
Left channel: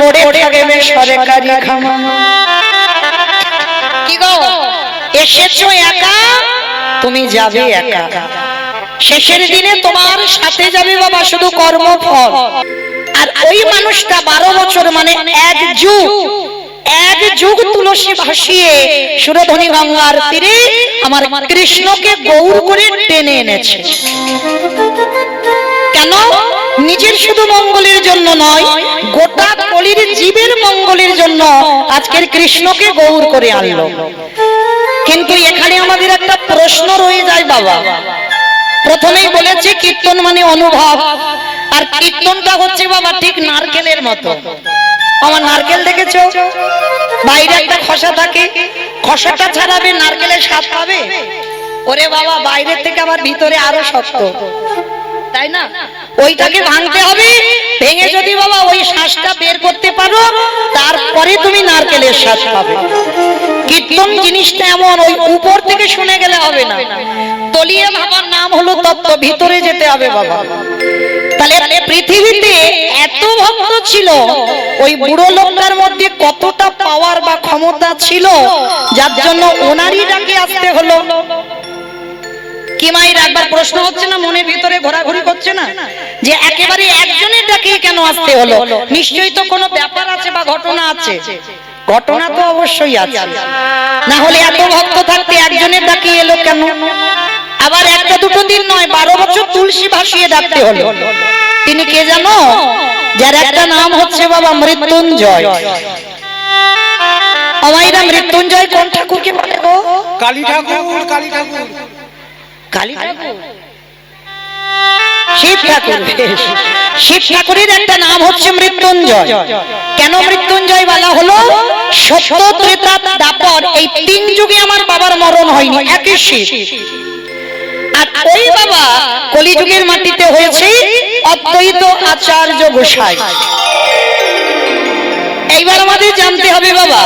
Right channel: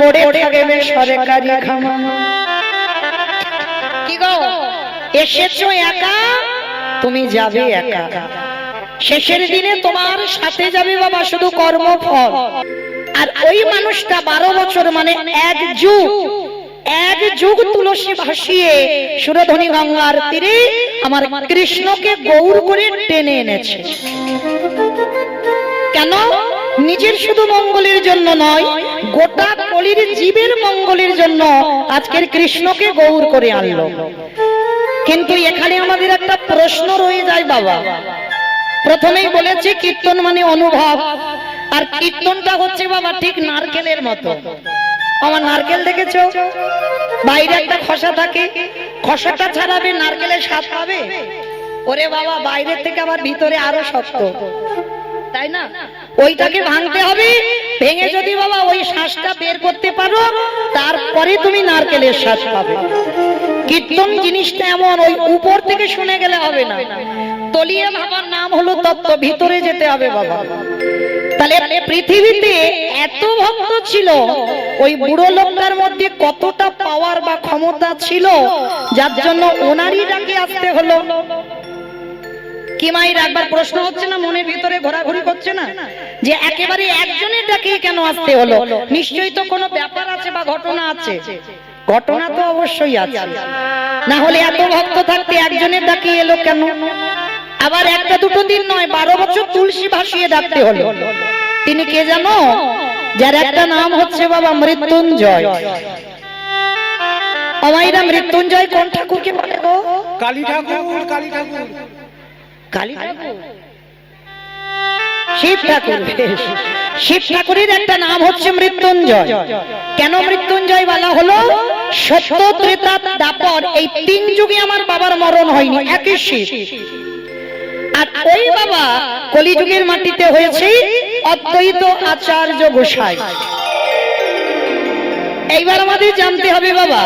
পড়ে থাকবে সরকারি খামা। কি গো এসেছো একা, তুমি যাবে একা, শেষের দিনে তোমার সাথে যাবে বাবা শুধু কর্মফল। আর ওই মানুষটা 12 বছর মানে এক যুগ তুলসী ভাসিয়ে সুরধনী গঙ্গার তীরে আমার কৃষ্ণকে গৌর করে টেনে এনেছে। কেন? নিজের শুধু মঙ্গলের জন্য নয়, গোটা কলির জীবের মঙ্গলের জন্য আজকের কৃষ্ণকে গৌর করে আনলো। কিন্তু এখানে আমাদের একটা প্রশ্ন রয়ে যায় বাবা। প্রথমেই বলেছি কীর্তন মানে অনুভব, আর কীর্তনটা হচ্ছে বাবা ঠিক নারকেলের মতো। আমার নারকেল দেখেছো, বাইরে একটা খসা থাকে, খসাটা ছাড়াবে নারকেলের স্বাদ পাবে? ওরে বাবা, বাইরে থেকে আবার ভিতরে আরো শক্ত, তাই না? ওইটাকে ভাঙতে হবে, ভেঙে যদি বাবা ওই শ্বাসটা বের করতে পারো, তারপরে তুমি নারকেলের স্বাদ পাবে। কীর্তন জিনিসটা এমন, ওই উপর থেকে শুনে গেলে হবে না, তলিয়ে ভাবার নাম হলো তত্ত্ব, ভিতরে যেতে হবে বাবা। তাহলে পৃথিবীতে এত ভক্ত ছিল, ওই বুড়ো লোকটার মধ্যে কতটা পাওয়ার বা ক্ষমতা ছিল, যার জন্য ওনারই ডাকে আসতে হলো। কি মায়ের একবার প্রশ্ন হচ্ছে না, মনের ভিতরে ঘোরাঘুরি করছে না, যে একেবারে একজনের ডাকে কেন আসতে হলো? নিশ্চয়ই তো কোনো ব্যাপার আছে বা ঘটনা আছে। ঘটনা তো অবশ্যই আছে, না হলে এত ভক্ত থাকতে একজনের ডাকে এলো কেন? আবার একটা দুটো দিন নয়, 12 বছর তুলসী ভাসিয়ে ডাকতে হলো। তিনি কে জানো? যার একটা নাম হচ্ছে বাবা মৃত্যুঞ্জয়। আমাইরা মৃত্যুঞ্জয় কোন ঠাকুরকে বলে গো? কালী ঠাকুর। কালী ঠাকুর, কালী ঠাকুর, শিব ঠাকুর। শিব ঠাকুরের একটা নাম হচ্ছে মৃত্যুঞ্জয়। কেন মৃত্যুঞ্জয় বলা হলো? সত্য, ত্রেতা, দ্বাপর এই 3 যুগে আমার বাবার মরণ হয়নি, একই শিব। আর ওই বাবা কলিযুগের মাটিতে হয়েছে অদ্বৈত আচার্য গোসাই। এইবার আমাদের জানতে হবে বাবা,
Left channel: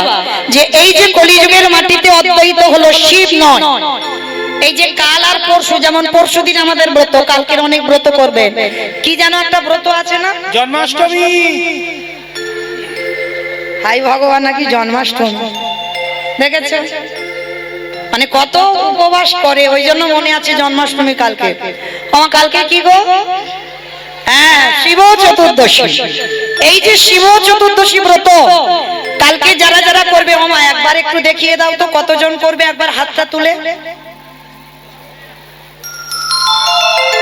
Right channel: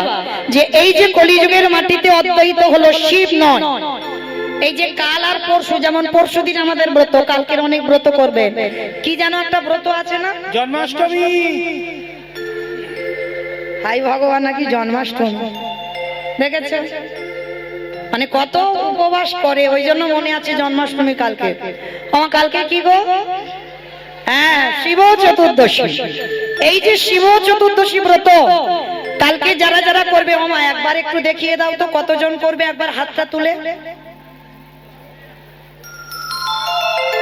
যে এই যে কলিযুগের মাটিতে অদ্বৈত হলো, শিব নয়। এই যে কাল আর পরশু, যেমন পরশু দিন আমাদের ব্রত, কালকের অনেক ব্রত করবেন। কি জানো একটা ব্রত আছে না? জন্মাষ্টমী। হাই ভগবান, নাকি জন্মাষ্টমী দেখেছেন? মানে কত উপবাস করে, ওই জন্য মনে আছে জন্মাষ্টমী কালকে। আমার কালকে কি গো? হ্যাঁ, শিব চতুর্দশী। এই যে শিব চতুর্দশী ব্রত কালকে যারা যারা করবে, মামা একবার একটু দেখিয়ে দাও তো কতজন করবে, একবার হাতটা তুলে।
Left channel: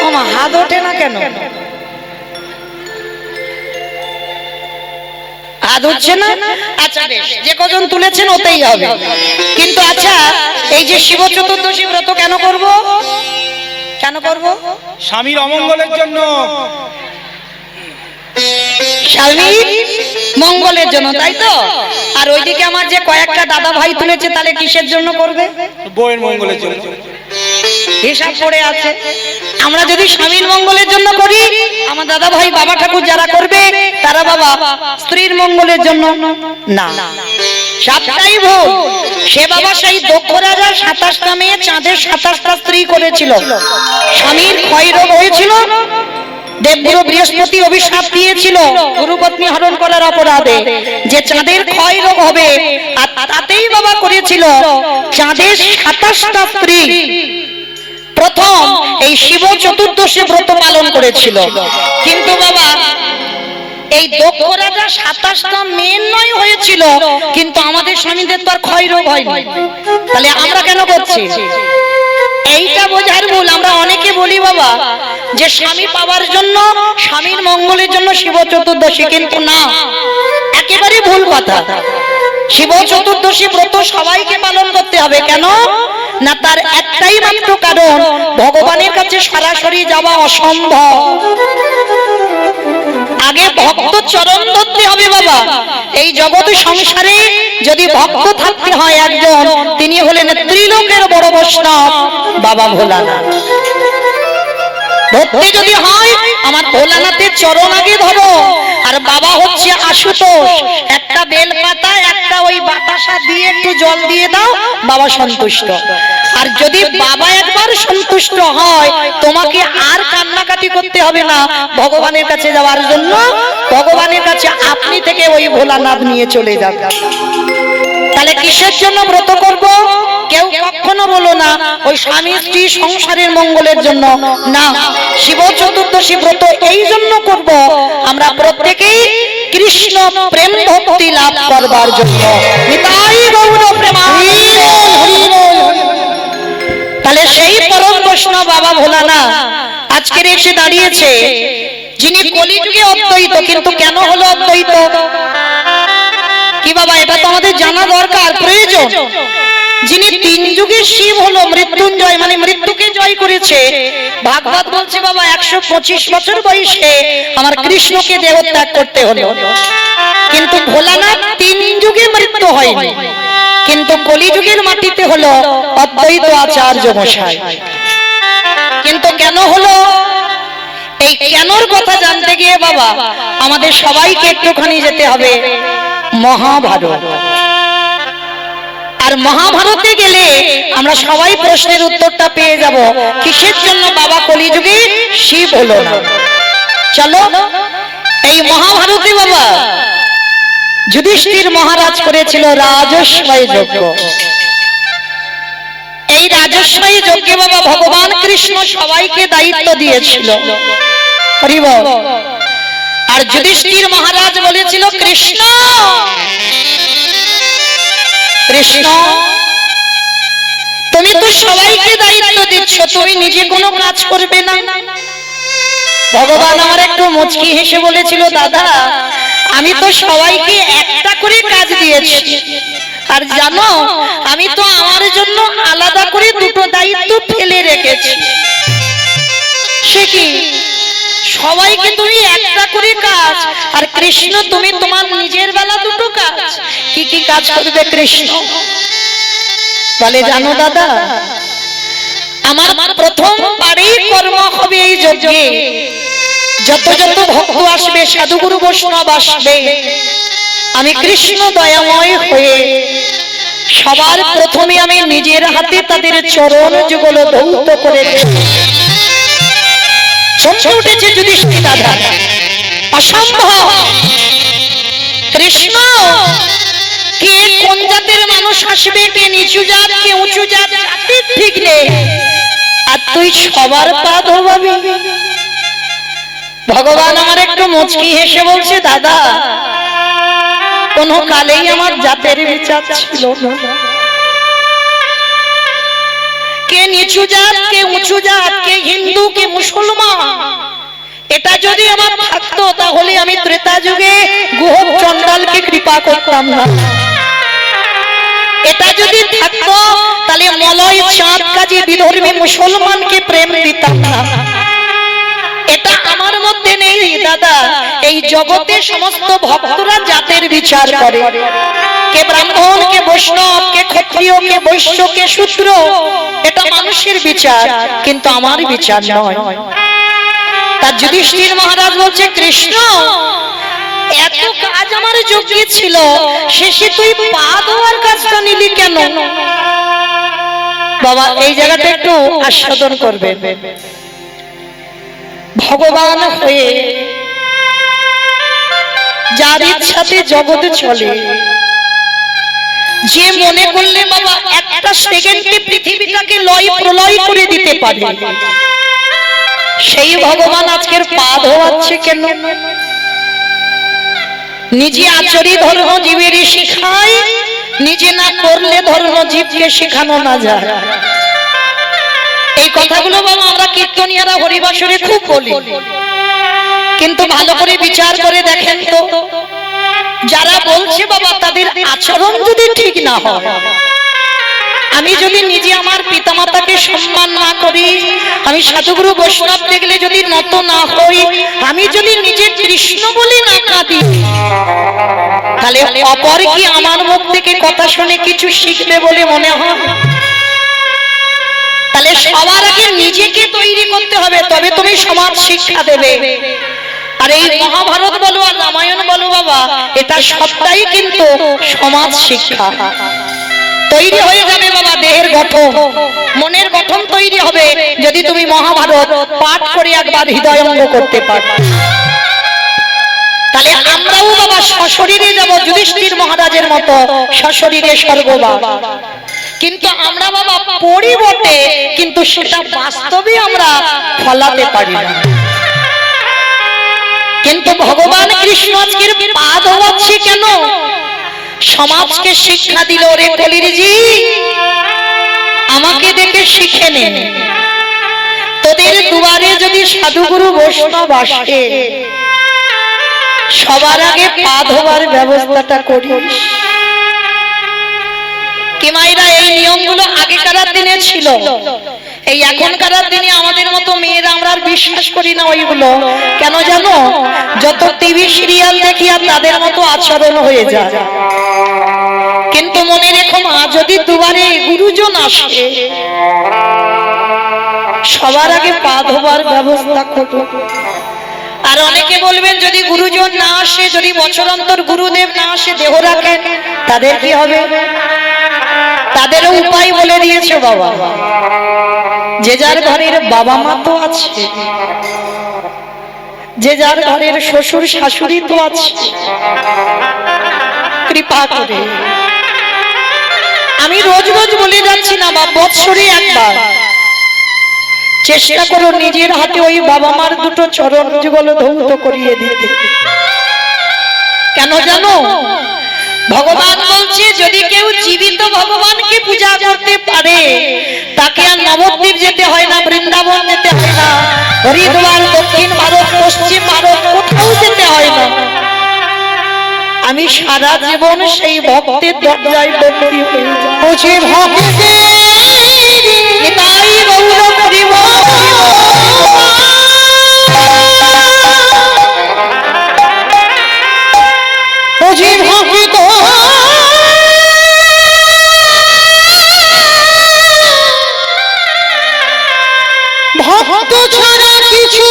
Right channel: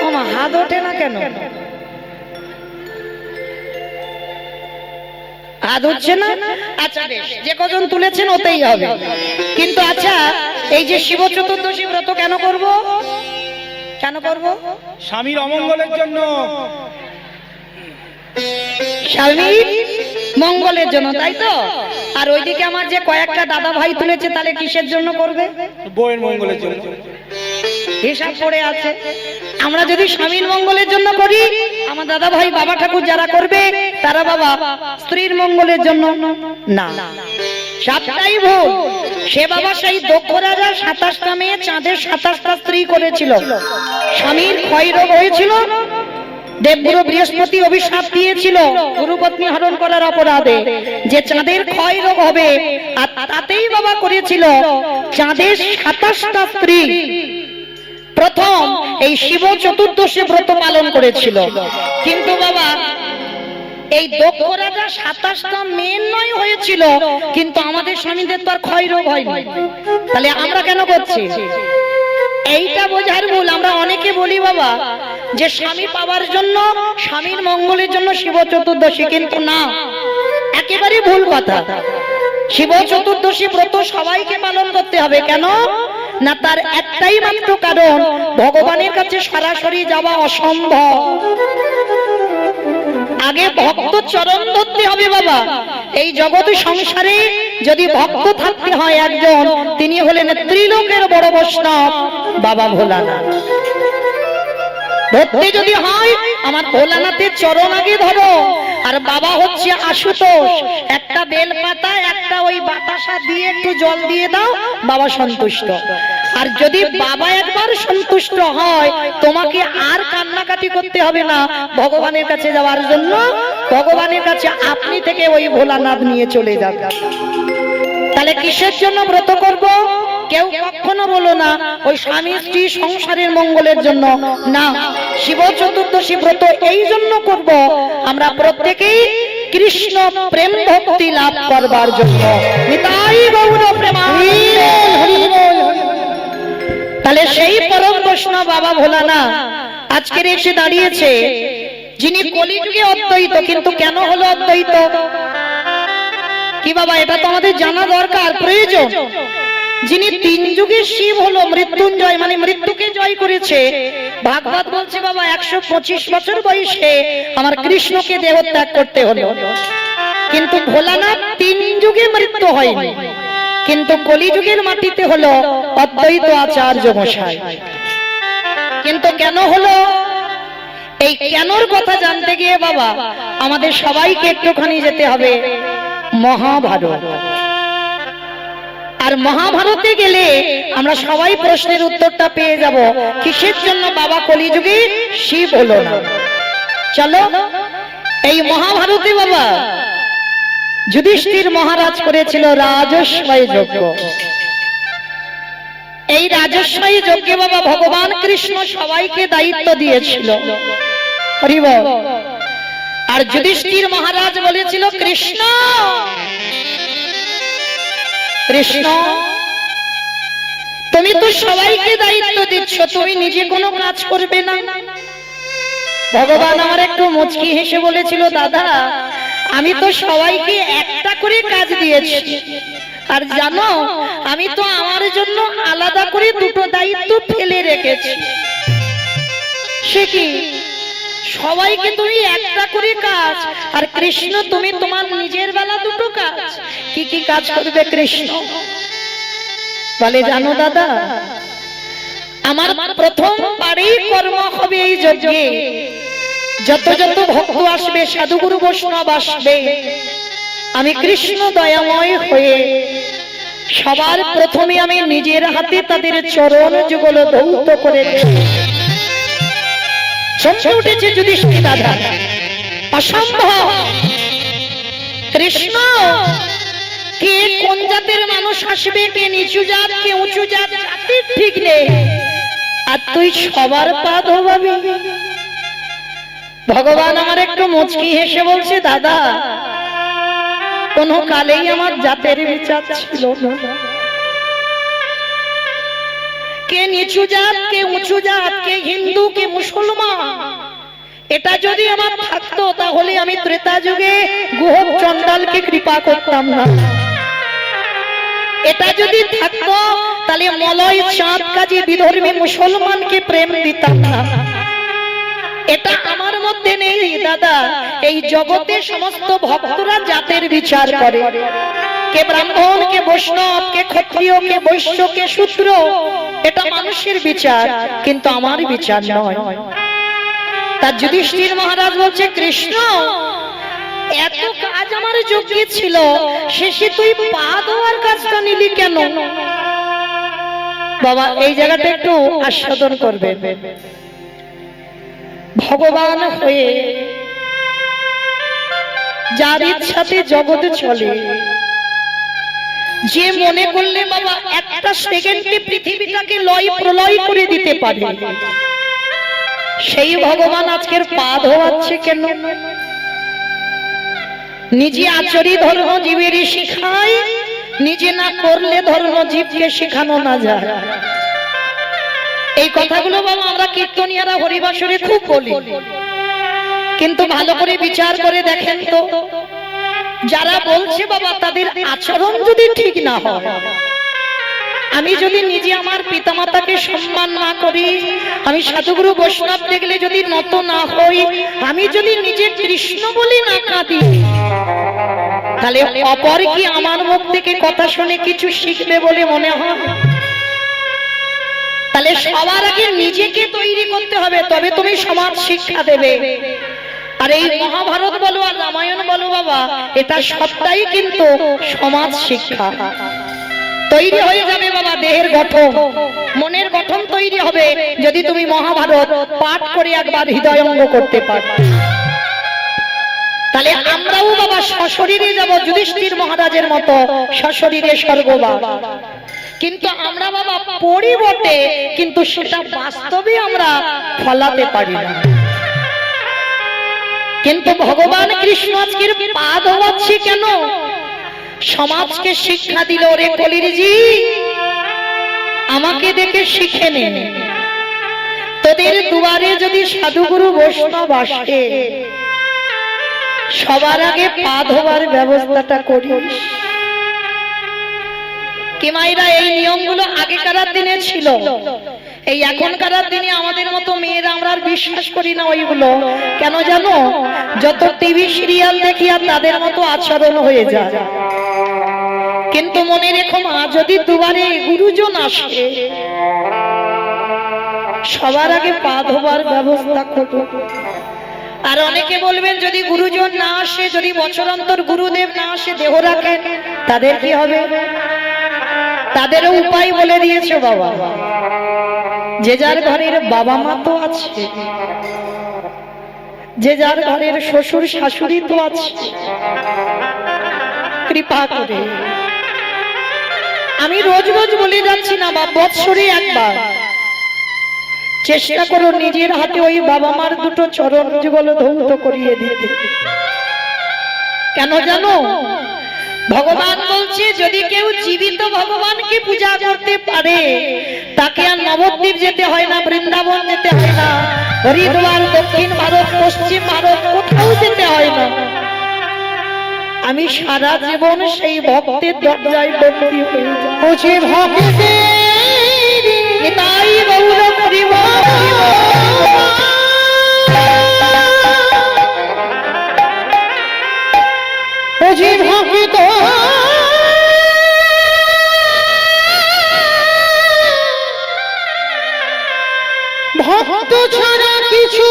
মামা হাত ওঠে না কেন? হাত উঠছে না? আচ্ছা বেশ, যে কজন তুলেছেন ওতেই হবে। কিন্তু আচ্ছা, এই যে শিব চতুর্দশী ব্রত কেন করব? কেন করব? স্বামীর অমঙ্গলের জন্য। স্বামীর মঙ্গলের জন্য, তাই তো? আর ওইদিকে আমার যে কয়েকটা দাদা ভাই তুলেছে, তাহলে কিসের জন্য করবে? বউয়ের মঙ্গলের জন্য। হিসাব পড়ে আছে। আমরা যদি স্বামীর মঙ্গলের জন্য করি, আমার দাদা ভাই বাবা ঠাকুর যারা করবে, তারা বাবা স্ত্রীর মঙ্গলের জন্য না। সবটাই ভুল। সে বাবা সেই দক্ষ রাজা 27টা মেয়ে, চাঁদের 27টা স্ত্রী করেছিল। স্বামীর ক্ষয় রোগ হয়েছিল, দেবগুরু বৃহস্পতি অভিশাপ দিয়েছিল গুরুপত্নী হরণ করার অপরাধে, যে চাঁদের ক্ষয় রোগ হবে। আর তাতেই বাবা করেছিল চাঁদের 27টা স্ত্রী প্রথম এই শিব চতুর্দশী ব্রত পালন করেছিল। কিন্তু বাবা এই দক্ষ রাজা 27টা মেয়ের নয় হয়েছিল, কিন্তু আমাদের স্বামীদের তো আর ক্ষয় রোগ হয়নি। তাহলে আমরা কেন করছি? এইটা বোঝার ভুল। আমরা অনেকে বলি বাবা যে স্বামী পাওয়ার জন্য, স্বামীর মঙ্গলের জন্য শিব চতুর্দশী, কিন্তু না, একেবারে ভুল কথা। শিব চতুর্দশী ব্রত সবাইকে পালন করতে হবে। কেন না? তার একটাই মাত্র কারণ, ভগবানের কাছে সরাসরি যাওয়া অসম্ভব। আগে ভক্ত চরণ ধরতে হবে বাবা। এই জগৎ সংসারে যদি ভক্ত থাকতে হয় একজন, তিনি হলেন ত্রিলোকের বড় বৈষ্ণব বাবা ভোলানাথ। ধরতে যদি হয় আমার ভোলানাথের চরণ আগে ধরো। আর বাবা হচ্ছে আশুতোষ। একটা বেল পাতা, একটা ওই বাতাসা দিয়ে একটু জল দিয়ে দাও, বাবা সন্তুষ্ট। আর যদি বাবা একবার সন্তুষ্ট হয়, তোমাকে আর কান্নাকাটি করতে হবে না ভগবানের কাছে যাওয়ার জন্য। ভগবানের কাছে আপনি থেকে ওই ভোলানাথ নিয়ে চলে যাবে। তাহলে কিসের জন্য ব্রত করব? কেউ কখনো বলো না ওই স্বামী স্ত্রী সংসারের মঙ্গলের জন্য না। শিব চতুর্দশী ব্রত এই জন্য করব, আমরা প্রত্যেকেই কৃষ্ণ প্রেম ভক্তি লাভ করবার জন্য। নিতাই গৌর প্রেমানন্দে। তাহলে সেই পরম বৈষ্ণব বাবা ভোলানাথ আজকের এসে দাঁড়িয়েছে, যিনি কলিযুগে অদ্বৈত। কিন্তু কেন হলো অদ্বৈত? কি বাবা, এটা তো আমাদের জানা দরকার, প্রয়োজন। যিনি তিন যুগের শিব হলো, মৃত্যুঞ্জয় মানে মৃত্যুকে জয় করেছে। ভাগবত বলছে বাবা 125 বছর বয়সে আমার কৃষ্ণকে দেহত্যাগ করতে হলো, কিন্তু ভোলানাথ তিন যুগে মৃত্যু হয়নি, কিন্তু কলিযুগের মাটিতে হলো অদ্বৈত আচার্য মশাই। কিন্তু কেন হলো? এই কেনর কথা জানতে গিয়ে বাবা আমাদের সবাইকে একটুখানি যেতে হবে মহাভারত। আর মহাভারতে গেলে আমরা সবাই প্রশ্নের উত্তরটা পেয়ে যাব, কিসের জন্য বাবা কলিযুগে শিব হলো না। চলো, এই মহাভারতে বাবা যুধিষ্ঠির মহারাজ করেছিল রাজস্বয় যজ্ঞ। এই রাজস্বয় যজ্ঞে বাবা ভগবান কৃষ্ণ সবাইকে দায়িত্ব দিয়েছিল। হরি বল। আর যুধিষ্ঠির মহারাজ বলেছিল, কৃষ্ণ কৃষ্ণ তুমি তো সবাইকে দায়িত্ব দিচ্ছ, তুমি নিজে কোনো কাজ করবে না। ভগবান আমার একটু মুচকি হেসে বলেছিল, দাদা আমি তো সবাইকে একটা করে কাজ দিয়েছি, আর জানো আমি তো আমার জন্য আলাদা করে দুটো দায়িত্ব ফেলে রেখেছি। সে কি? সবাইকে তুমি একটা করে কাজ, আর কৃষ্ণ তুমি তোমার নিজের বেলা দুটো কাজ। কি কি কাজ করবে কৃষ্ণ? বলে, জানো দাদা আমার প্রথম বারেই কর্ম হবে এই যজ্ঞে। যত যত ভক্ত আসবে, সাধুগুরু বৈষ্ণব আসবে, আমি কৃষ্ণ দয়াময় হয়ে সবার প্রথমে আমি নিজের হাতে তাদের চরণ যুগল ধৌত করে চমকে উঠেছে যুধিষ্ঠির দাদা, অসম্ভব। কৃষ্ণ কে কোন জাতের মানুষ আসবে, কে নিচু জাত কে উঁচু জাত, ঠিক নেই, আর তুই সবার পা ধোবাবি? ভগবান আমার একটু মুচকি হেসে বলছে, দাদা কোন কালেই আমার জাতের বিচার ছিল না। কে নিচু জাত কে উঁচু জাত, কে হিন্দু কে মুসলমান, এটা যদি আমার থাকতো তাহলে আমি ত্রেতা যুগে গুহ চণ্ডালকে কৃপা করতাম না। এটা যদি থাকতো তাহলে মলয় চাঁদ কাজী বিধর্মী মুসলমানকে প্রেম দিতাম না। এটা আমার মধ্যে নেই দাদা। এই জগতে সমস্ত ভক্তরা জাতের বিচার করে, কে ব্রাহ্মণ কে বৈষ্ণব কে ক্ষত্রিয় কে বৈশ্য কে শূদ্র, এটা মানুষের বিচার, কিন্তু আমার বিচার নয়। তার যুধিষ্ঠির মহারাজ বলছে, কৃষ্ণ এত কাজ আমার যজ্ঞে ছিল, শেষে তুই পা ধোয়ার কাজটা নিলি কেন? বাবা এই জায়গাটা একটু আস্বাদন করবে। ভগবান হয়ে যার ইচ্ছাতে জগতে চলে, যে মনে করলে বাবা একটা সেকেন্ডে পৃথিবীটাকে লয় প্রলয় করে দিতে পারে, সেই ভগবান আজকের পা ধোয়াচ্ছে কেন? নিজে আচরি ধর্ম জীবের শিখায়, নিজে না করলে ধর্ম জীবকে শেখানো না যায়। এই কথাগুলো বাবা আমরা কীর্তনিয়ারা হরিবাসরে খুব বলি, কিন্তু ভালো করে বিচার করে দেখেন তো, যারা বলছে বাবা তাদের আচরণ যদি ঠিক না হয়, আমি যদি নিজে আমার পিতামাতাকে সম্মান না করি, আমি সাধুগুরু বৈষ্ণব দেখলে যদি নত না হই, আমি যদি নিজে কৃষ্ণ বলি না কাঁদি, তাহলে অপর কি আমার মুখ থেকে কথা শুনে কিছু শিখবে বলে মনে হয়? তাহলে সবার আগে নিজেকে তৈরি করতে হবে, তবে তুমি সমাজ শিক্ষা দেবে। আর এই মহাভারত বলো আর রামায়ণ বলো বাবা, এটা সবটাই কিন্তু সমাজ শিক্ষা। তৈরি হয়ে যাবে বাবা দেহের গঠন, মনের গঠন তৈরি হবে যদি তুমি মহাভারত পাঠ করে একবার হৃদয়ঙ্গ করতে পারো। তাহলে আমরাও বাবা সশরীরে যাব যুধিষ্ঠির মহারাজের মতো, সশরীরে স্বর্গবাস। কিন্তু আমরা বাবা পড়ি বটে, কিন্তু সেটা বাস্তবে আমরা ফলাতে পারি না। কিন্তু ভগবান কৃষ্ণ আজকের পা ধোয়াচ্ছে কেন? সমাজকে শিক্ষা দিল, রে কলির জি আমাকে দেখে শিখে নে, তোদের দুয়ারে যদি সাধুগুরু বৈষ্ণব আসে, সবার আগে পা ধোয়ার ব্যবস্থাটা করিস। কি মায়েরা, এই নিয়মগুলো আগেকার দিনে ছিল। এই এখনকার দিনে আমাদের মতো মেয়েরা আমরা আর বিশ্বাস করি না ওইগুলো। কেন জানো? যত টিভি সিরিয়াল দেখি আর তাদের মতো আচরণ হয়ে যায়। কিন্তু মনে রেখো মা, যদি দুবারে গুরুজন আসে, সবার আগে পা ধোবার ব্যবস্থা করো। আর অনেকে বলবেন যদি গুরুজন না আসে, যদি বছর অন্তর গুরুদেব না আসে, দেহ রাখেন, তাদের কি হবে? তাদেরও উপায় বলে দিয়েছে বাবা। যে যার ঘরের বাবা মা তো আছে, যে যার ঘরের শ্বশুর শাশুড়ি তো আছে, কৃপা করে, আমি রোজ রোজ বলে যাচ্ছি না বা বৎসরে একবার চেষ্টা করো নিজের হাতে ওই বাবা মার দুটো চরণ যুগল ধৌত করিয়ে দিতে। কেন জানো? ভগবান বলছে যদি কেউ জীবিত ভগবানকে পূজা করতে পারে, তাকে আর নবদ্বীপ যেতে হয় না, বৃন্দাবন যেতে হয় না, হরিদ্বার, দক্ষিণ ভারত, পশ্চিম ভারত কোথাও যেতে হয় না। আমি সারা জীবন সেই ভক্তের দরজায় বন্দী হয়ে যাই। নিতাই গৌর করিব ভক্ত ভক্ত ছাড়া কিছু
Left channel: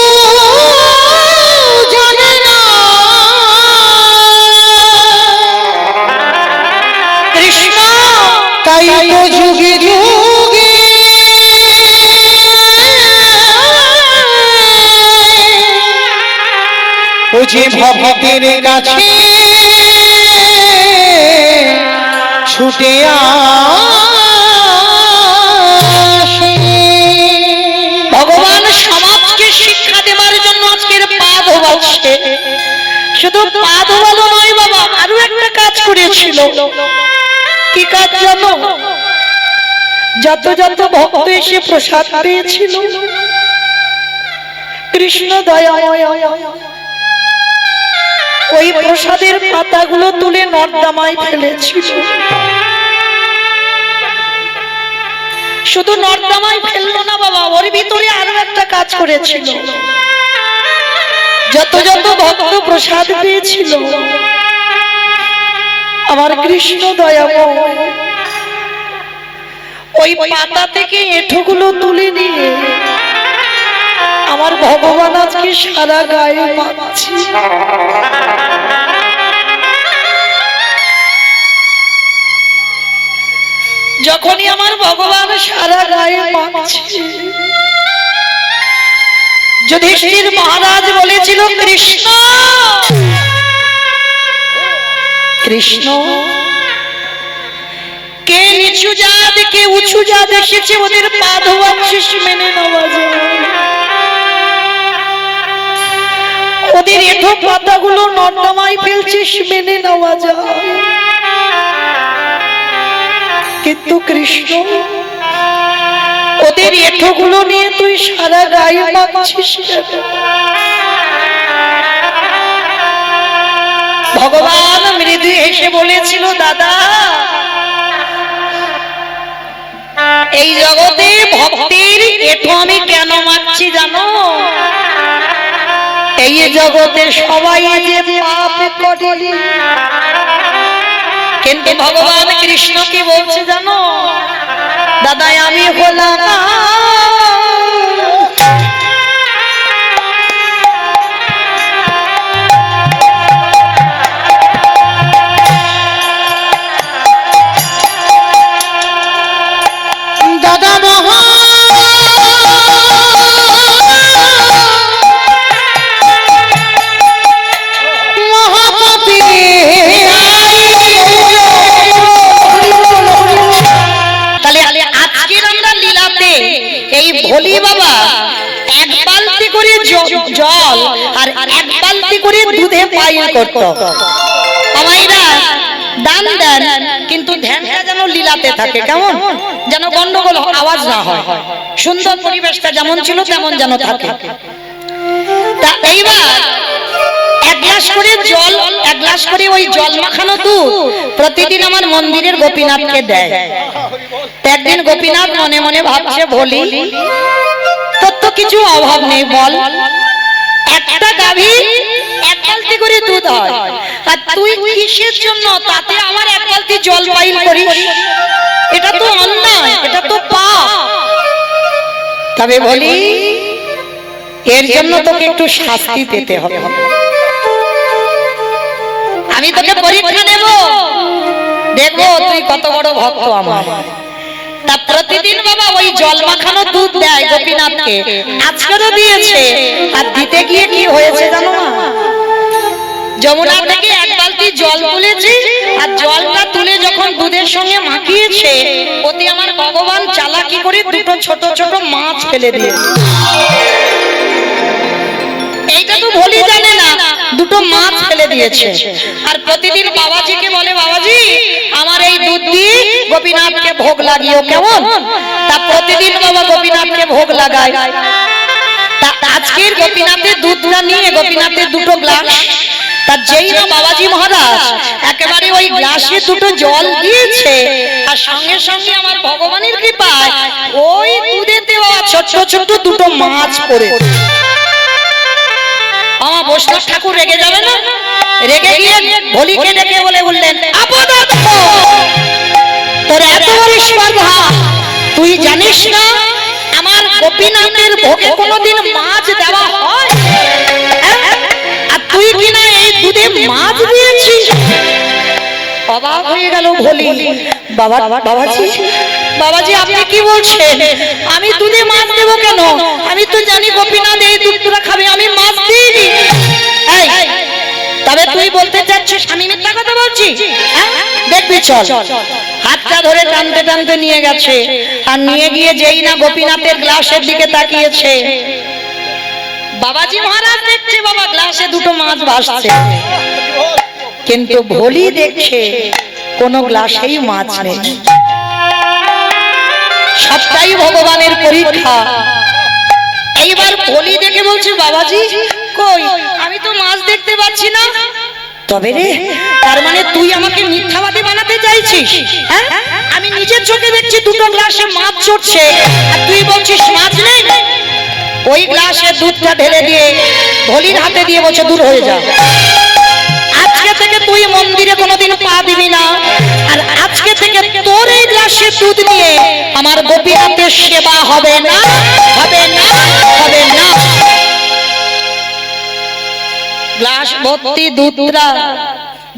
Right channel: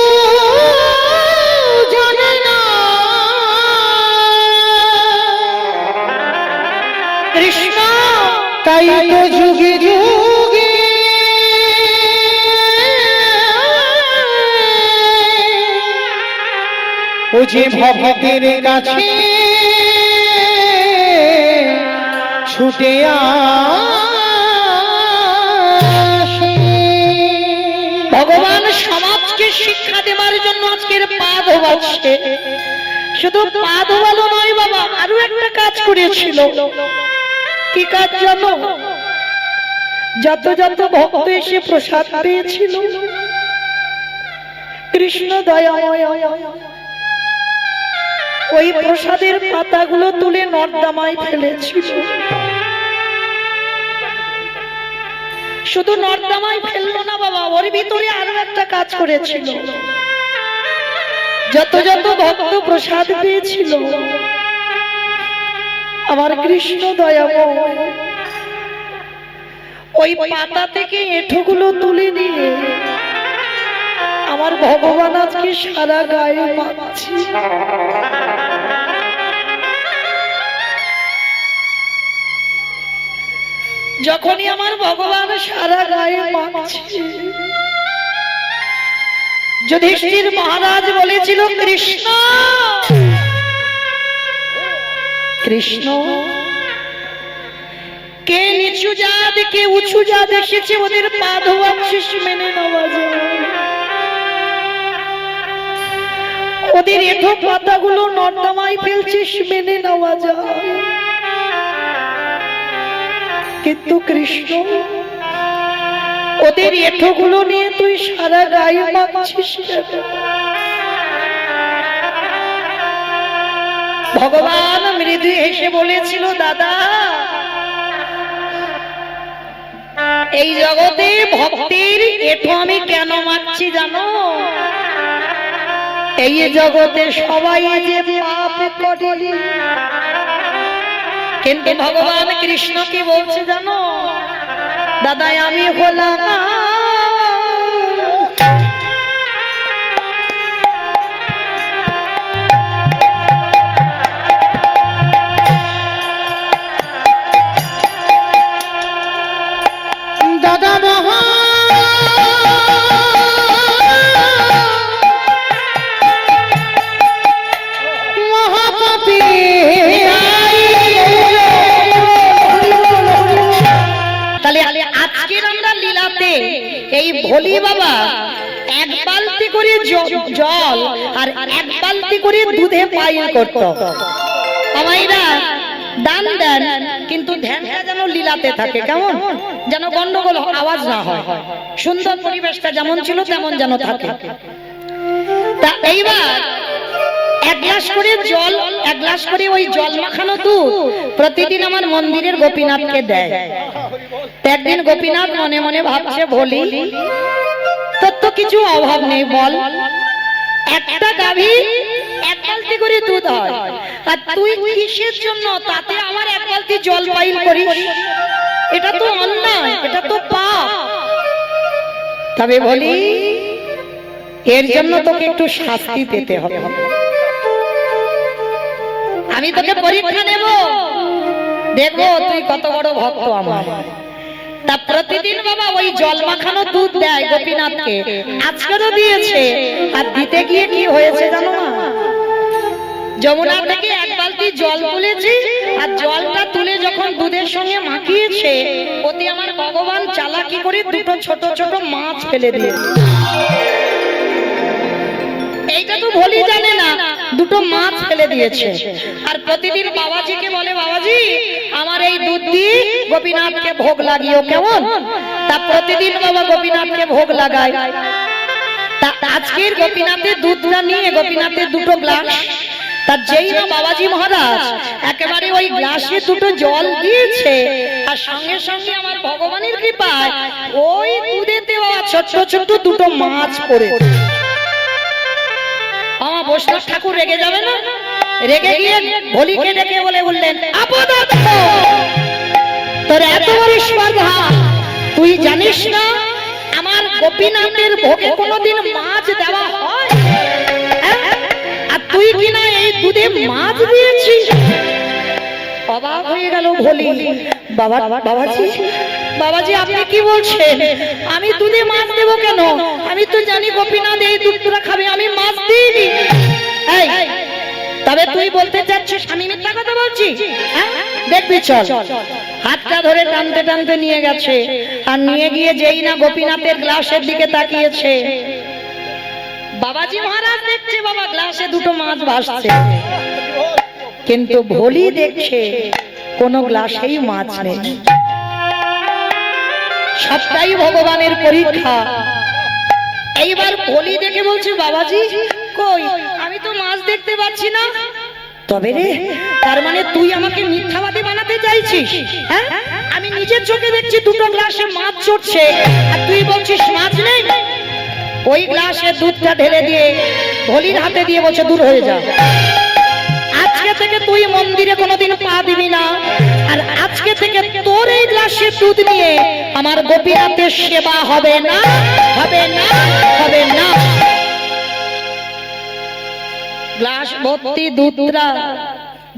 জানে না। কৃষ্ণ তাই তো যুগে যুগে ও যে ভক্তের কাছে ছুটে আসে। ভগবান সমাজকে শিক্ষা দেওয়ার জন্য আজকের পা ধোয়াচ্ছে। শুধু পা ধোয়ালো নয় বাবা, আরো একটা কাজ করেছিল। কি কাজ জানো? যত যত ভক্ত এসে প্রসাদ পেয়েছিল, কৃষ্ণ দয়াময় ওই প্রসাদের পাতাগুলো তুলে নর্দমায় ফেলেছিল। শুধু নর্দমায় ফেললো না বাবা, ওর ভিতরে আরো একটা কাজ করেছিল। যত যত ভক্ত প্রসাদ পেয়েছিল, আমার কৃষ্ণ দয়াময় ওই পাতা থেকে এঁঠোগুলো তুলে নিয়ে আমার ভগবান আজকে সারা গায়ে মাখছে। যখনই আমার ভগবান সারা গায়ে মাখছে, যুধিষ্ঠির মহারাজ বলেছিল কৃষ্ণ কৃষ্ণ, কে নিচু জাত কে উঁচু জাত এসেছে, ওদের পা ধোয়াচ্ছিস, মেনে নেওয়া যায়। ওদের এঁঠো পাতাগুলো নর্দমায় ফেলছিস, মেনে নেওয়া যায়। কিন্তু কৃষ্ণ, ওদের এঁঠোগুলো নিয়ে তুই সারা গায়ে মাখছিস। ভগবান মৃদু হেসে বলেছিল, দাদা, এই জগতে ভক্তের এঁঠো আমি কেন মাখছি জানো? এই জগতে সবাই যে পাপ করে, কিন্তু ভগবান কৃষ্ণ কি বলছে জানো? দাদা, আমি হলাম দাদা মহা ভোলি বাবা এক বালতি করে জল আর এক বালতি করে দুধে পাইল করত। আমাইরা দান দেন, কিন্তু ধ্যানটা যেন লীলাতে থাকে। কেমন যেন গন্ডগোল আওয়াজ না হয়, সুন্দর পরিবেশটা যেমন ছিল তেমন যেন থাকে। তা এইবার এক গ্লাস করে জল, এক গ্লাস করে ওই জল মাখানো দুধ প্রতিদিন আমার মন্দিরের গোপীনাথকে দেয়। একদিন গোপীনাথ মনে মনে ভাবছে, বলি তোর তো কিছু অভাব নেই, বল একটা গাভী এক বালতি করে দুধ হয়, আর তুই কিসের জন্য তাতে আমার এক বালতি জল পাইল করিস? এটা তো অন্যায়, এটা তো পাপ। তবে বলি এর জন্য তোকে একটু শাস্তি পেতে হবে। আমি তোকে পরীক্ষা নেব, দেখবো তুই কত বড় ভক্ত আমার। তা প্রতিদিন বাবা ওই জল মাখানো দুধ দেয় গোপীনাথকে, আজকেরও দিয়েছে। আর দিতে গিয়ে কি হয়েছে জানো না? যমুনা থেকে এক বালতি জল তুলেছে, আর জলটা তুলে যখন দুধের সঙ্গে মাখিয়েছে, ওতে আমার ভগবান চালাকি করে দুটো ছোট ছোট মাছ ফেলে দিয়েছে। এইটা তো ভুলি জানে না, দুটো মাছ ফেলে দিয়েছে। আর প্রতিদিন বাবাজিকে বলে, বাবাজি আমার এই দুধ দিয়ে গোপীনাথকে ভোগ লাগিও, কেমন? তা প্রতিদিন বাবা গোপীনাথকে ভোগ লাগায়। তা আজকের গোপীনাথের দুধটা নিয়ে গোপীনাথের দুটো গ্লাস, তা যেই না বাবাজি মহারাজ একেবারে ওই গ্লাসে দুটো জল দিয়েছে, আর সঙ্গে সঙ্গে আমার ভগবানের কৃপায় ওই দুধেতে দেওয়া ছোট ছোট দুটো মাছ পড়েছে। আমার বৈষ্ণব ঠাকুর রেগে যাবে না? রেগে গিয়ে ভোলিকে ডেকে বললেন, তোর এত বড় স্পর্ধা, তুই জানিস না আমার গোপীনাথের ভোগে কোনোদিন মাছ দেওয়া হয়? আর তুই কিনা এই দুধে মাছ দিয়েছিস। অবাক হয়ে গেল ভোলি। বাবাজি বাবাজি আপনি কি বলছেন? আমি দুধে মাছ দেবো কেন? আমি তো জানি গোপীনাথ এই দুধটা খাবে, আমি মাছ দিইনি। তবে তুই বলতে চাচ্ছিস আমি মিথ্যা কথা বলছি? দেখবি চল। হাতটা ধরে টানতে টানতে নিয়ে গেছে, আর নিয়ে গিয়ে যেই না গোপীনাথের গ্লাসের দিকে তাকিয়েছে, বাবাজি মহারাজ দেখছে বাবা গ্লাসে দুটো মাছ ভাসছে, কিন্তু ভোলি দেখছে কোন গ্লাসেই মাছ নেই। সবটাই ভগবানের পরীক্ষা। এইবার ভোলি দেখে বলছে, বাবাজি কই, আমি তো মাছ দেখতে পাচ্ছি না। তবে রে, তার মানে তুই আমাকে মিথ্যাবাদী বানাতে চাইছিস? হ্যাঁ, আমি নিজের চোখে দেখছি দুটো গ্লাসে মাছ চড়ছে, আর তুই বলছিস মাছ নেই। ওই গ্লাসে দুধটা ঢেলে দিয়ে ভোলির হাতে দিয়ে বলছে, দূর হয়ে যা, আজকে থেকে তুই মন্দিরে কোনোদিন পা দিবি না, আর আজকে থেকে তোর এই গ্লাসে দুধ নিয়ে আমার গোপীনাথের সেবা হবে না, হবে না, হবে না। গ্লাস ভর্তি দুধটা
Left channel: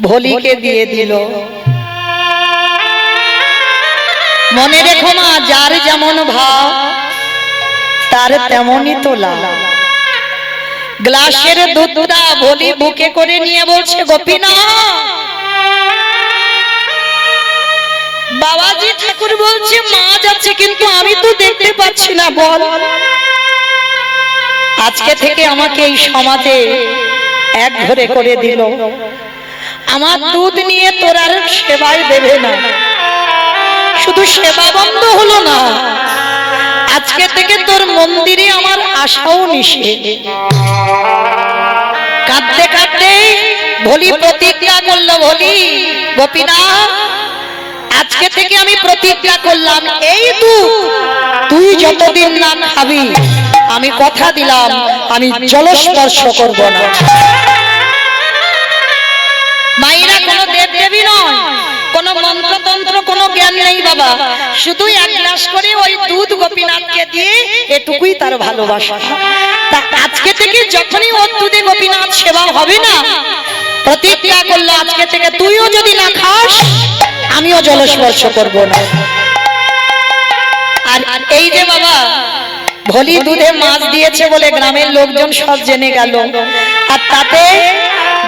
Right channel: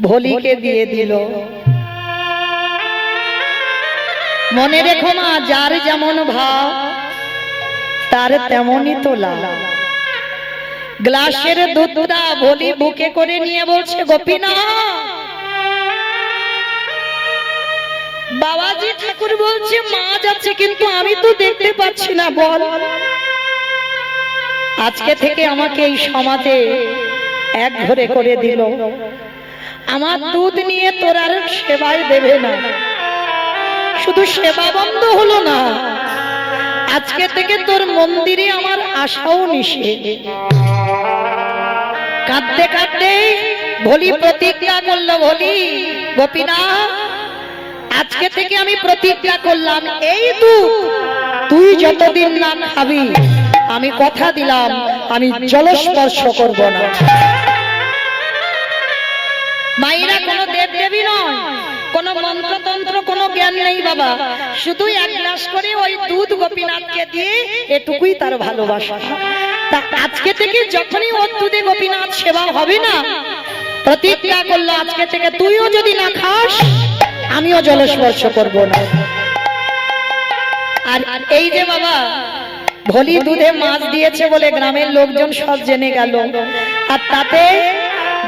ভোলিকে দিয়ে দিল। মনে রেখো মা, যার যেমন ভাব তার তেমনই তোলা। গ্লাসের দুধটা ভোলি বুকে করে নিয়ে বলছে, গোপীনাথ। বাবাজি ঠাকুর বলছে মাছ আছে, কিন্তু আমি তো দেখতে পাচ্ছি না, বল। আজকে থেকে আমাকে এই সমাজে এক ঘরে করে দিল, আমার দুধ নিয়ে তোর আর সেবায় দেবে না। শুধু সেবা বন্ধ হলো না, আজকে থেকে তোর মন্দিরে আমার আশাও নিষেধ। কাঁদতে কাঁদতে ভোলি প্রতিজ্ঞা করলো, ভোলি গোপীনাথ আজকে থেকে আমি প্রতিজ্ঞা করলাম, এই দুধ তুই যতদিন না খাবি আমি কথা দিলাম আমি জলস্পর্শ করব না। মায়েরা কোনো দেবদেবী নয়, কোনো মন্ত্রতন্ত্র কোনো জ্ঞান নেই বাবা, শুধু এক গ্লাস করে ওই দুধ গোপীনাথকে দিয়ে এটুকুই তার ভালোবাসা। তা আজকে থেকে যখনই ওর দুধে গোপীনাথ সেবা হবে না, প্রতিজ্ঞা করলো আজকে থেকে তুইও যদি না খাস আমিও জলস্পর্শ করব না। আর এই যে বাবা ভোলি দুধে মাছ দিয়েছে বলে গ্রামের লোকজন সব জেনে গেল, আর তাতে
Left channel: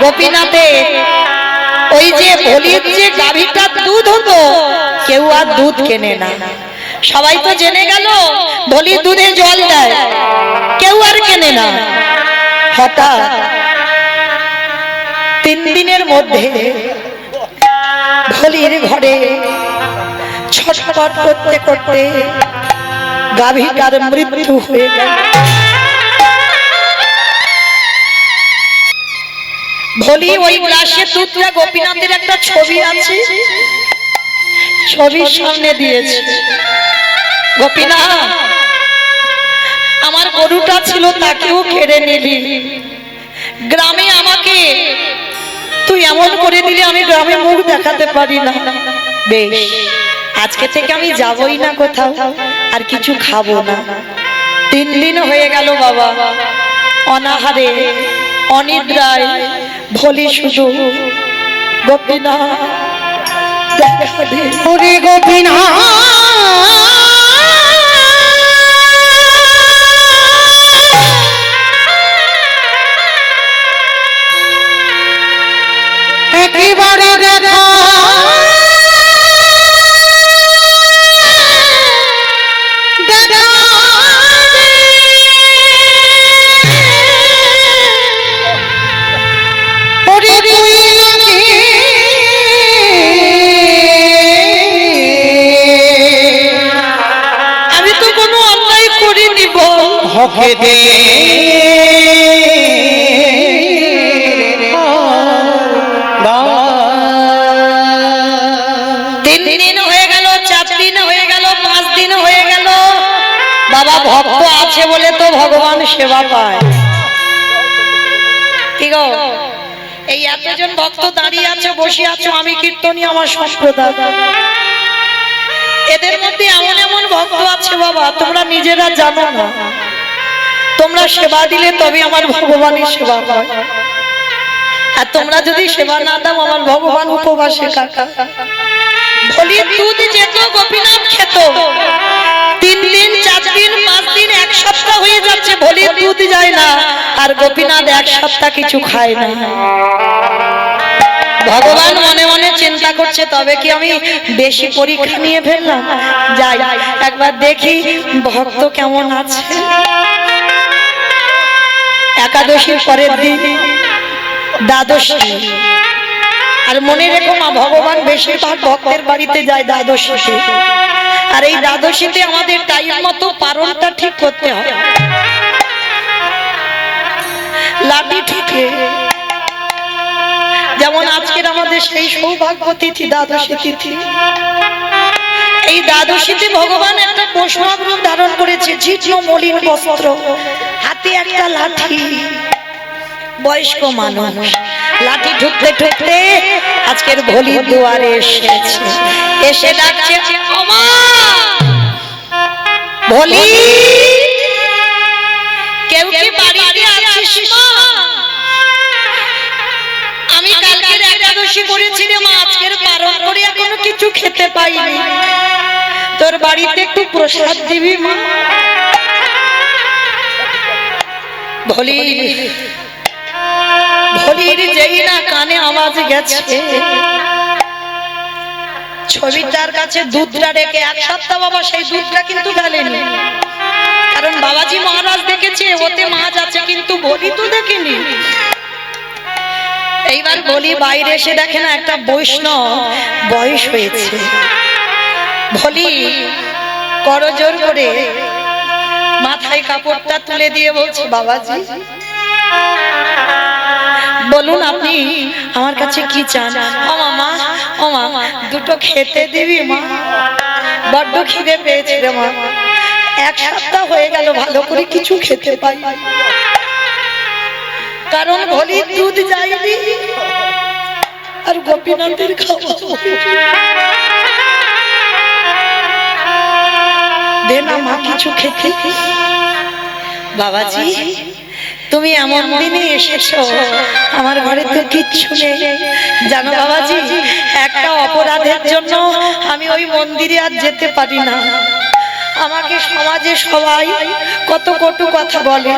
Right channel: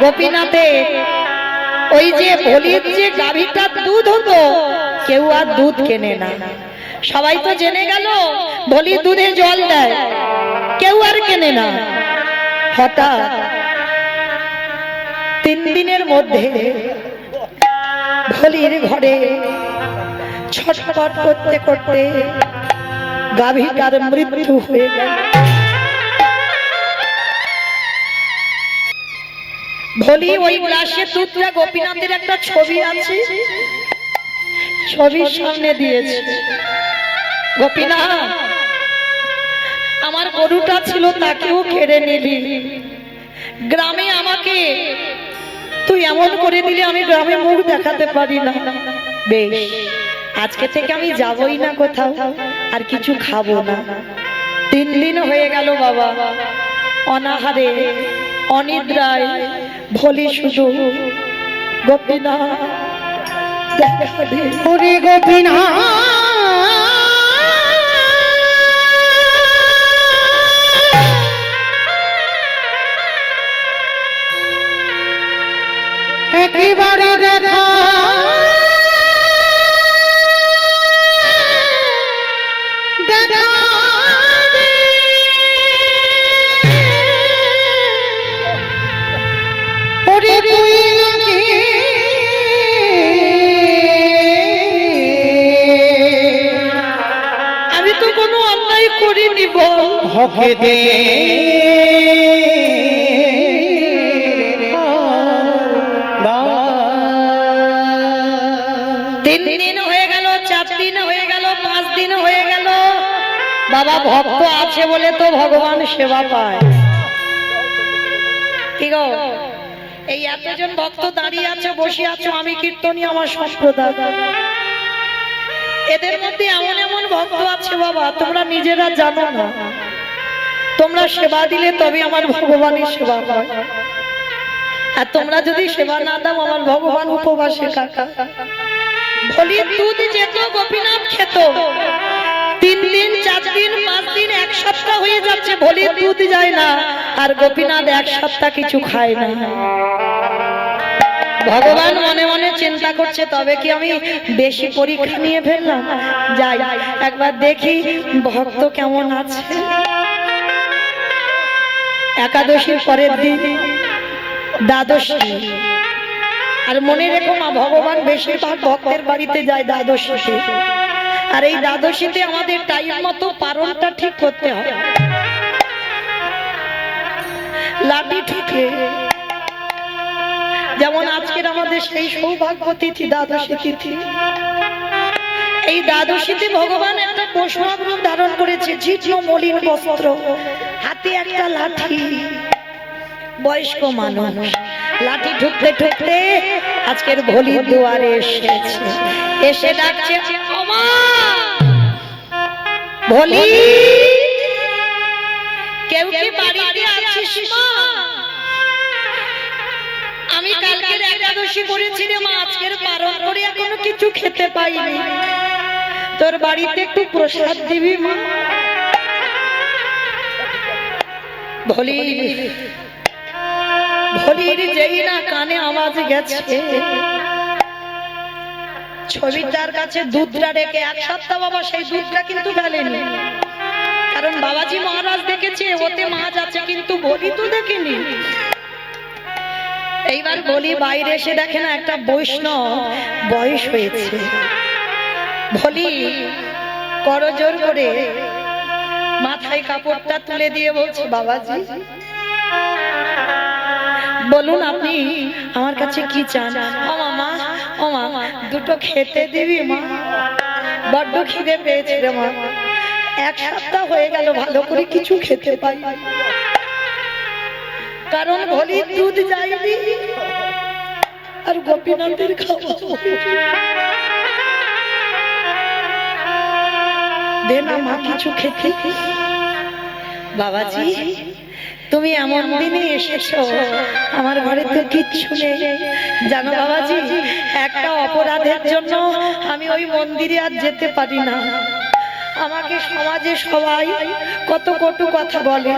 গোপীনাথের ওই যে ভোলির যে গাভীটা দুধ হতো কেউ আর দুধ কেনে না। সবাই তো জেনে গেল ভোলির দুধে জল দেয়, কেউ আর কেনে না। হঠাৎ 3 দিনের মধ্যে ভোলির ঘরে ছটফট করতে করতে গাভীটার মৃত্যু হয়ে গেল। ভোলি ওই গ্লাসে দুধটা গোপীনাথের একটা ছবি আছে, ছবির সামনে দিয়েছে। গোপীনাথ, আমার গরুটা ছিল তাকেও কেড়ে নিলি, গ্রামে আমাকে তুই এমন করে দিলি আমি গ্রামে মুখ দেখাতে পারি না। বেশ, আজকে থেকে আমি যাবই না কোথাও, আর কিছু খাবো না। 3 দিন হয়ে গেল বাবা, অনাহারে অনিদ্রায় ভোলি শুধু গোপীনাথ দেখা দে, ওরে গোপীনাথ একেবারে দেখা আমি তো কোনো অন্যায় করিনি বল, হকে দে বাবা। ভক্ত আছে বলে তো ভগবান সেবা পায়। কি গো, এই এতজন ভক্ত দাঁড়িয়ে আছে, বসে আছো, আমি কীর্তনী আমার সম্প্রদায়, এদের মধ্যে এমন এমন ভক্ত আছে বাবা তোমরা নিজেরা জানো না। তোমরা সেবা দিলে তবে আমার ভগবানের সেবা হয়, আর তোমরা যদি সেবা না দাও আমার ভগবান উপবাসে কাটা। বলি দুধ যেত গোপীনাথ খেত, 3 দিন 4 দিন 5 দিন 1 সপ্তাহ হয়ে যাচ্ছে ভোলির দুধ যায় না, আর গোপীনাথ 1 সপ্তাহ কিছু খায় না। ভগবান মনে মনে চিন্তা করছে তবে কি আমি বেশি পরীক্ষা নিয়ে ফেললাম, যাই একবার দেখি ভক্ত কেমন আছে। একাদশীর পরের দিন দ্বাদশী, আর মনে রেখো মা, ভগবান বেশিরভাগ ভক্তের বাড়িতে যায় দ্বাদশীতে, আর এই দ্বাদশীতে আমাদের টাইম মতো পারণটা ঠিক করতে হয়। লাঠি ঠিকে যেমন আজকের আমাদের সেই সৌভাগ্য তিথি দ্বাদশী তিথি, এই দ্বাদশীতে ভগবান একটা বৈষ্ণব রূপ ধারণ করেছে, জীর্ণ মলিন বস্ত্র, হাতে একটা লাঠি। বয়স্ক মানুষ লাঠি ঠুকতে ঠুকতে আজকের ভোলির দুয়ারে এসেছে, এসে ডাকছে ওমা ভোলি, কেউ কি বাড়িতে আছিস মা? আমি কালকের একাদশী করেছি রে মা, আজকের পারণ করে এখনো কিছু খেতে পাইনি, তোর বাড়িতে একটু প্রসাদ দিবি মা? ভোলির যেই না কানে আওয়াজ গেছে, ছবিটার কাছে দুধটা রেখে 1 সপ্তাহ বাবা সেই দুধটা কিন্তু ঢালেনি, কারণ বাবাজি মহারাজ দেখেছে ওতে মাছ আছে, কিন্তু ভোলি তো দেখেনি। এইবার ভোলি বাইরে এসে দেখে না একটা বৈষ্ণব বয়স হয়েছে, ভোলি করজোর করে মাথায় কাপড়টা তুলে দিয়ে বলছে বাবাজি বলুন আপনি আমার কাছে কি চান? ও মামা, ও মামা দুটো খেতে দিবি মা, বড্ড খিদে পেয়েছে রে মা, 1 সপ্তাহ হয়ে গেল ভালো করে কিছু খেতে পাই, কারণ ভোলির দুধ যায়নি আর গোপীনাথের খাওয়া দে না মা কিছু খেতে। বাবাজি তুমি এমন দিনে এসেছো, আমার ঘরে তো কিচ্ছু নেই জানো বাবাজি, একটা অপরাধের জন্য আমি ওই মন্দিরে আর যেতে পারি না, আমাকে সমাজে সবাই কত কটু কথা বলে,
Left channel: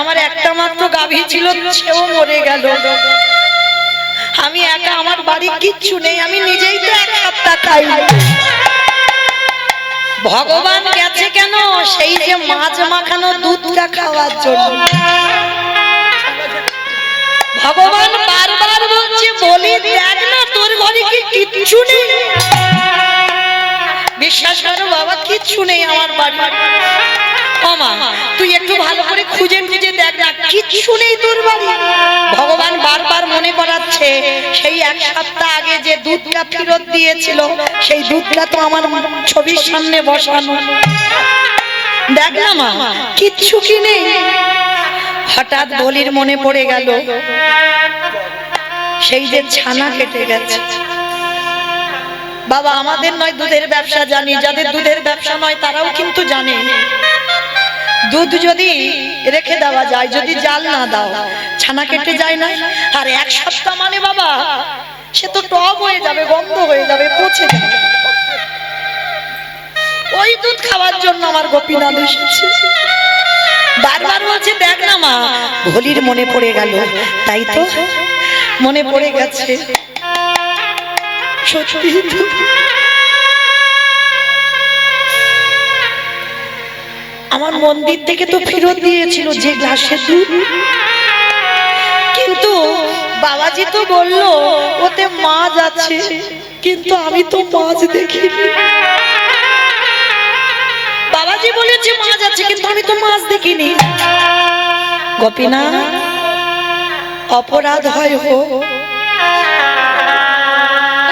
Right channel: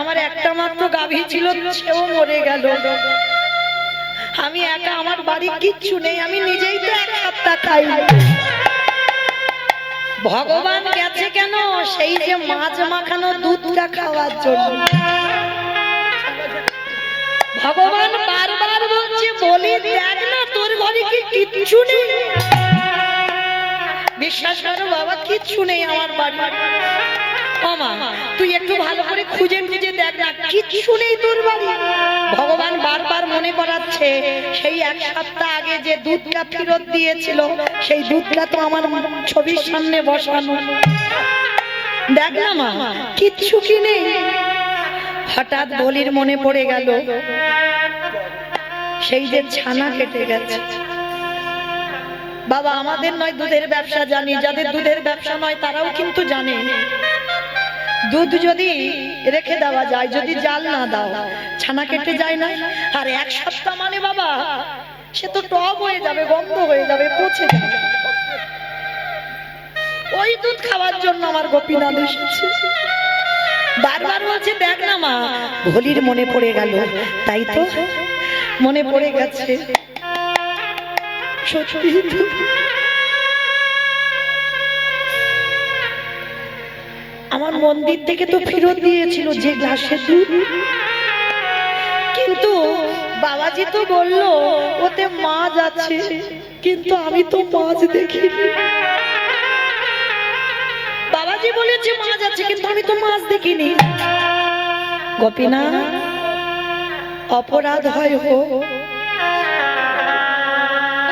আমার একটা মাত্র গাভী ছিল সেও মরে গেল, আমি একা, আমার বাড়ি কিচ্ছু নেই, আমি নিজেই তো 1 সপ্তাহ খাই। ভগবান গেছে কেন? সেই যে মাছ মাখানো দুধটা খাওয়ার জন্য। ভগবান বারবার বলছে বলি দেখ না তোর ঘরে কি কিচ্ছু নেই, বিশ্বাস করো বাবা কিচ্ছু নেই আমার বাড়ি। ও মা তুই একটু ভালো করে খুঁজে খুঁজে দেখ না, কিচ্ছু নেই তোর বাড়ি। ভগবান বারবার মনে করাচ্ছে, সেই এক সপ্তাহ আগে যে দুধটা ফেরত দিয়েছিল, সেই দুধটা তো আমার ছবির সামনে বসানো। দেখ না মা, কিচ্ছু কি নেই। হঠাৎ বলির মনে পড়ে গেল, সেই যে ছানা কেটে গেছে। বাবা, আমাদের নয় দুধের ব্যবসা জানি, যাদের দুধের ব্যবসা নয় তারাও কিন্তু জানে, দুধ যদি রেখে দেওয়া যায়, যদি জাল না দাও, ছানা কেটে যায় না। আর এক সপ্তাহ মানে বাবা, সে তো টক হয়ে যাবে, গন্ধ হয়ে যাবে, পচে যাবে। ওই দুধ খাওয়ার জন্য আমার গোপীনাথ এসেছে। বারবার বলছে, দেখ না মা। ভোলির মনে পড়ে গেল, তাই তো মনে পড়ে গেছে। সত্যি আমার মন্দির থেকে তো ফেরত দিয়েছিল যে গ্লাসের দুধ, কিন্তু বাবাজি তো বললো ওতে মাছ আছে, কিন্তু আমি তো মাছ দেখিনি। বাবাজি বলেছে মাছ আছে, কিন্তু আমি তো মাছ দেখিনি। গোপীনাথ, অপরাধ হয় হোক,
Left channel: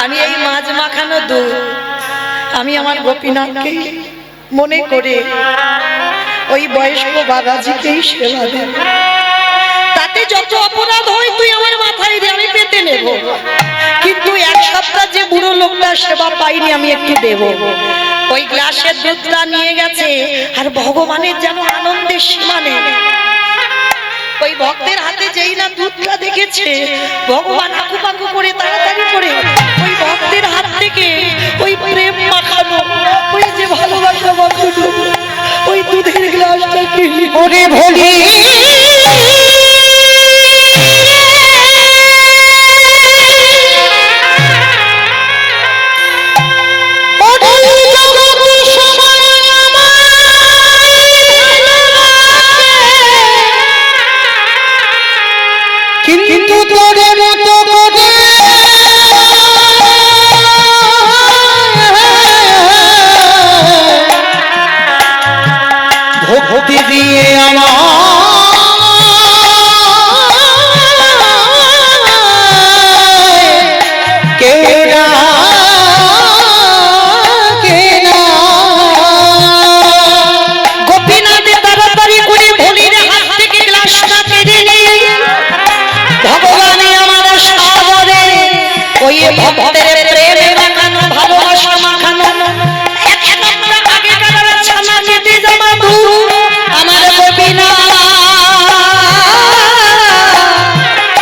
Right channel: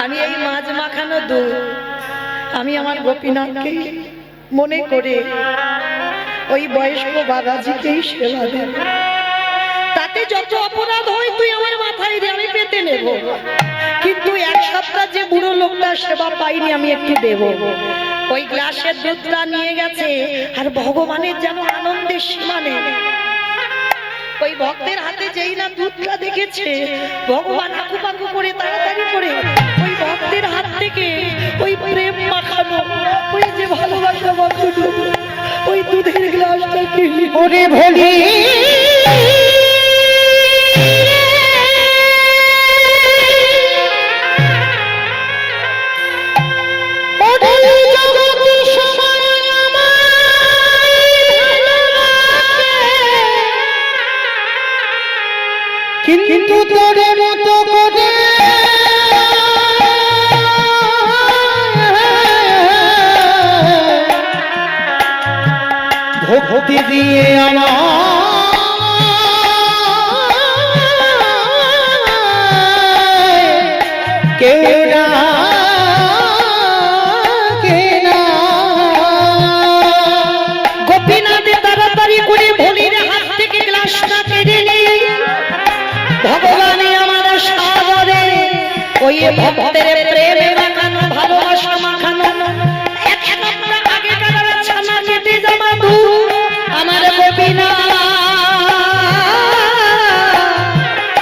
আমি এই মাছ মাখানো দুধ আমি আমার গোপীনাথকে মনে করে ওই বয়স্ক বাবাজিকেই সেবা দেব। তাতে যত অপরাধ হয় তুই আমার মাথায় দিয়ে আমি পেতে নেব, কিন্তু এক সপ্তাহ যে বুড়ো লোকটা সেবা পাইনি আমি একটু দেব। ওই গ্লাসের দুধটা নিয়ে গেছে, আর ভগবানের যেন আনন্দের সীমা নেই। ওই ভক্তের হাতে যেই না দুধটা দেখেছে, ভগবান আকুপাকু করে তাড়াতাড়ি করে ওই ভক্তের হাত থেকে ওই প্রেম মাখানো, ওই যে ভালোবাসা মাখানো ওই দুধের গ্লাসটা কিনে ওরে ভোলি কিন্তু তোর মতো করে ভক্তি দিয়ে আমার কেউ গোপীনাথে তাড়াতাড়ি করে ভোলির হাত থেকে গ্লাসটা কেড়ে নিয়ে ভগবানে আমার সাগরে ওই ভক্তের প্রেমে মাখানো ভালোবাসা মাখানো এক সপ্তাহ আগে কাটার ছানা কেটে যাওয়া দুধ আমার গোপীনাথ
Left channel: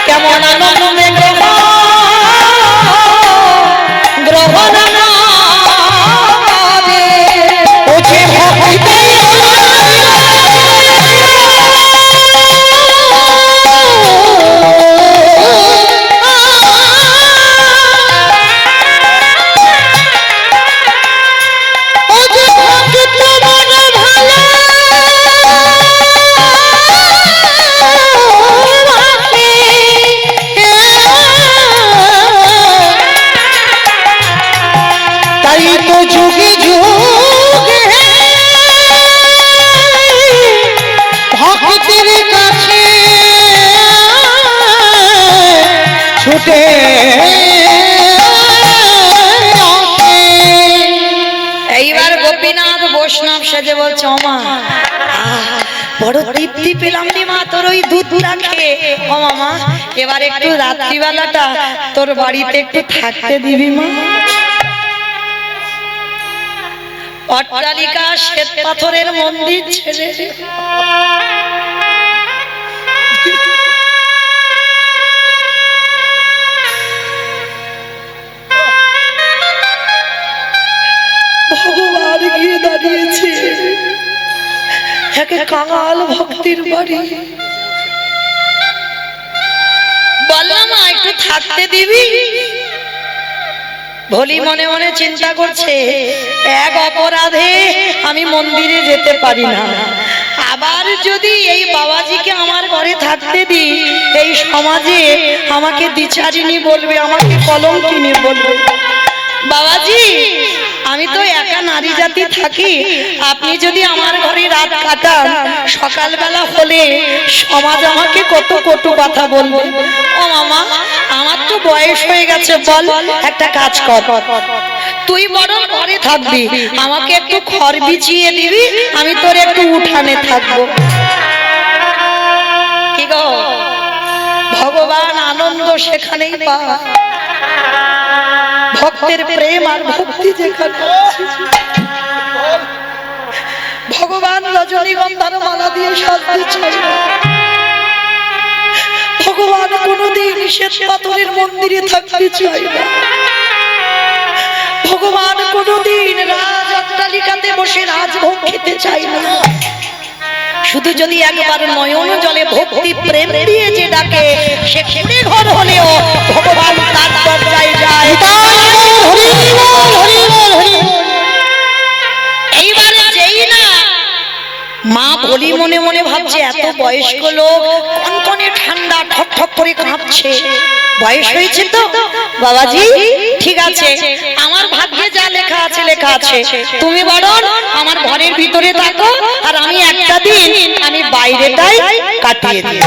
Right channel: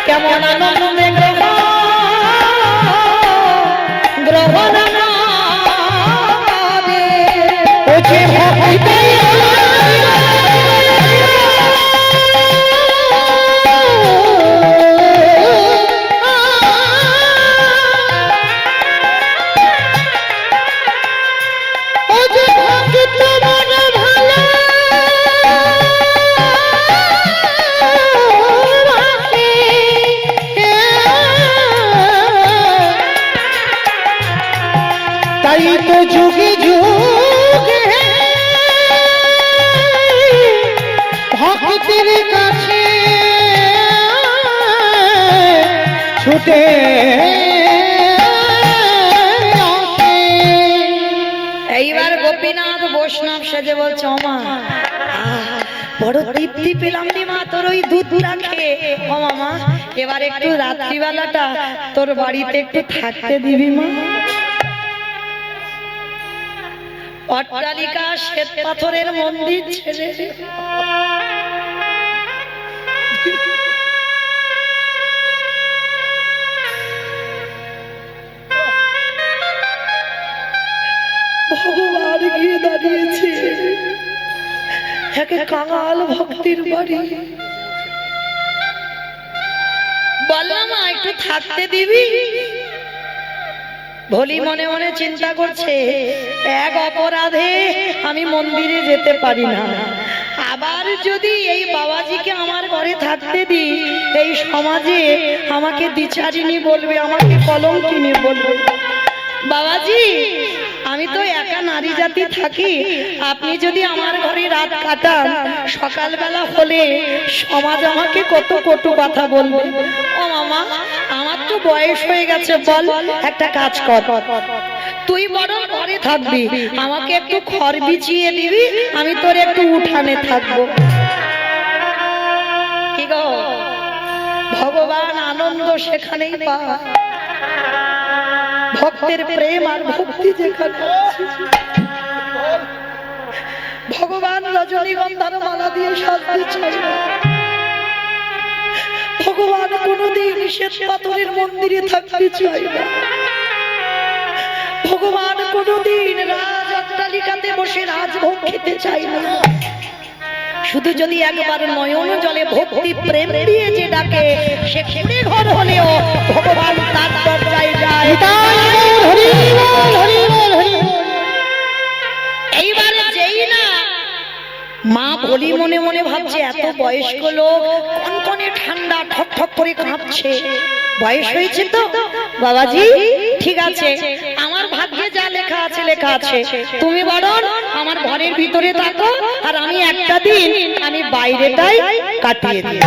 কেমন আনন্দে গ্রহণ ও যে ভক্তি তাই তো যুগে যুগে ভক্তের কাছে ছুটে এইবার গোপীনাথ বৈষ্ণব সেজে বলছে, ওমা বড় তৃপ্তি পেলাম রে মা তোর ওই দুধটা খেয়ে। ও মামা, এবার একটু রাত্রিবেলাটা তোর বাড়িতে একটু থাকতে দিবি মা। অট্টালিকা শ্বেত পাথরের মন্দির ছেড়ে ভগবান গিয়ে দাঁড়িয়েছে একে কাঙাল ভক্তির বাড়ি। বললাম একটু থাকতে দিবি। ভোলি মনে মনে চিন্তা করছে, এক অপরাধে আমি মন্দিরে যেতে পারি না, আবার যদি এই বাবাজিকে আমার ঘরে থাকতে দিই এই সমাজে আমাকে দ্বিচারিণী বলবে, আমাকে কলঙ্কিনী বলবে। বাবাজি, আমি তো একা নারী জাতি থাকি, আপনি যদি আমার ঘরে রাত কাটান সকালবেলা হলে সমাজ আমাকে কত কটু কথা বলবে। ও মামা, আমার তো বয়স হয়ে গেছে, বল একটা কাজ কর, তুই বরং ঘরে থাকবি, আমাকে একটু খড় বিছিয়ে দিবি, আমি তোর একটু উঠানে থাকবো। কি গো, ভগবান আনন্দ সেখানেই পায়, ভক্তের প্রেম আর ভক্তি যেখানে আছে। ভগবান রজনীগন্ধার মালা দিয়ে সাজতে চায় না, ভগবান কোনদিন শ্বেত পাথরের মন্দিরে থাকতে চায় না, ভগবান কোনদিন রাজ অট্টালিকাতে বসে রাজভোগ খেতে চায় না। শুধু যদি একবার নয়ন জলে ভক্তি প্রেম দিয়ে যে ডাকে, সে কুড়ে ঘর হলেও ভগবান তার দরজায় যায়। এইবারে যেই না মা বলি মনে মনে ভাবছে, এত বয়স্ক লোক, কনকনে ঠান্ডা, ঠক ঠক করে কাঁপছে, বয়স হয়েছে তো বাবাজি, ঠিক আছে, আমার ভাগ্যে যা লেখা আছে লেখা আছে, তুমি বরং আমার ঘরের ভিতরে থাকো, আর আমি একটা দিন আমি বাইরেটাই কাটিয়ে দিই।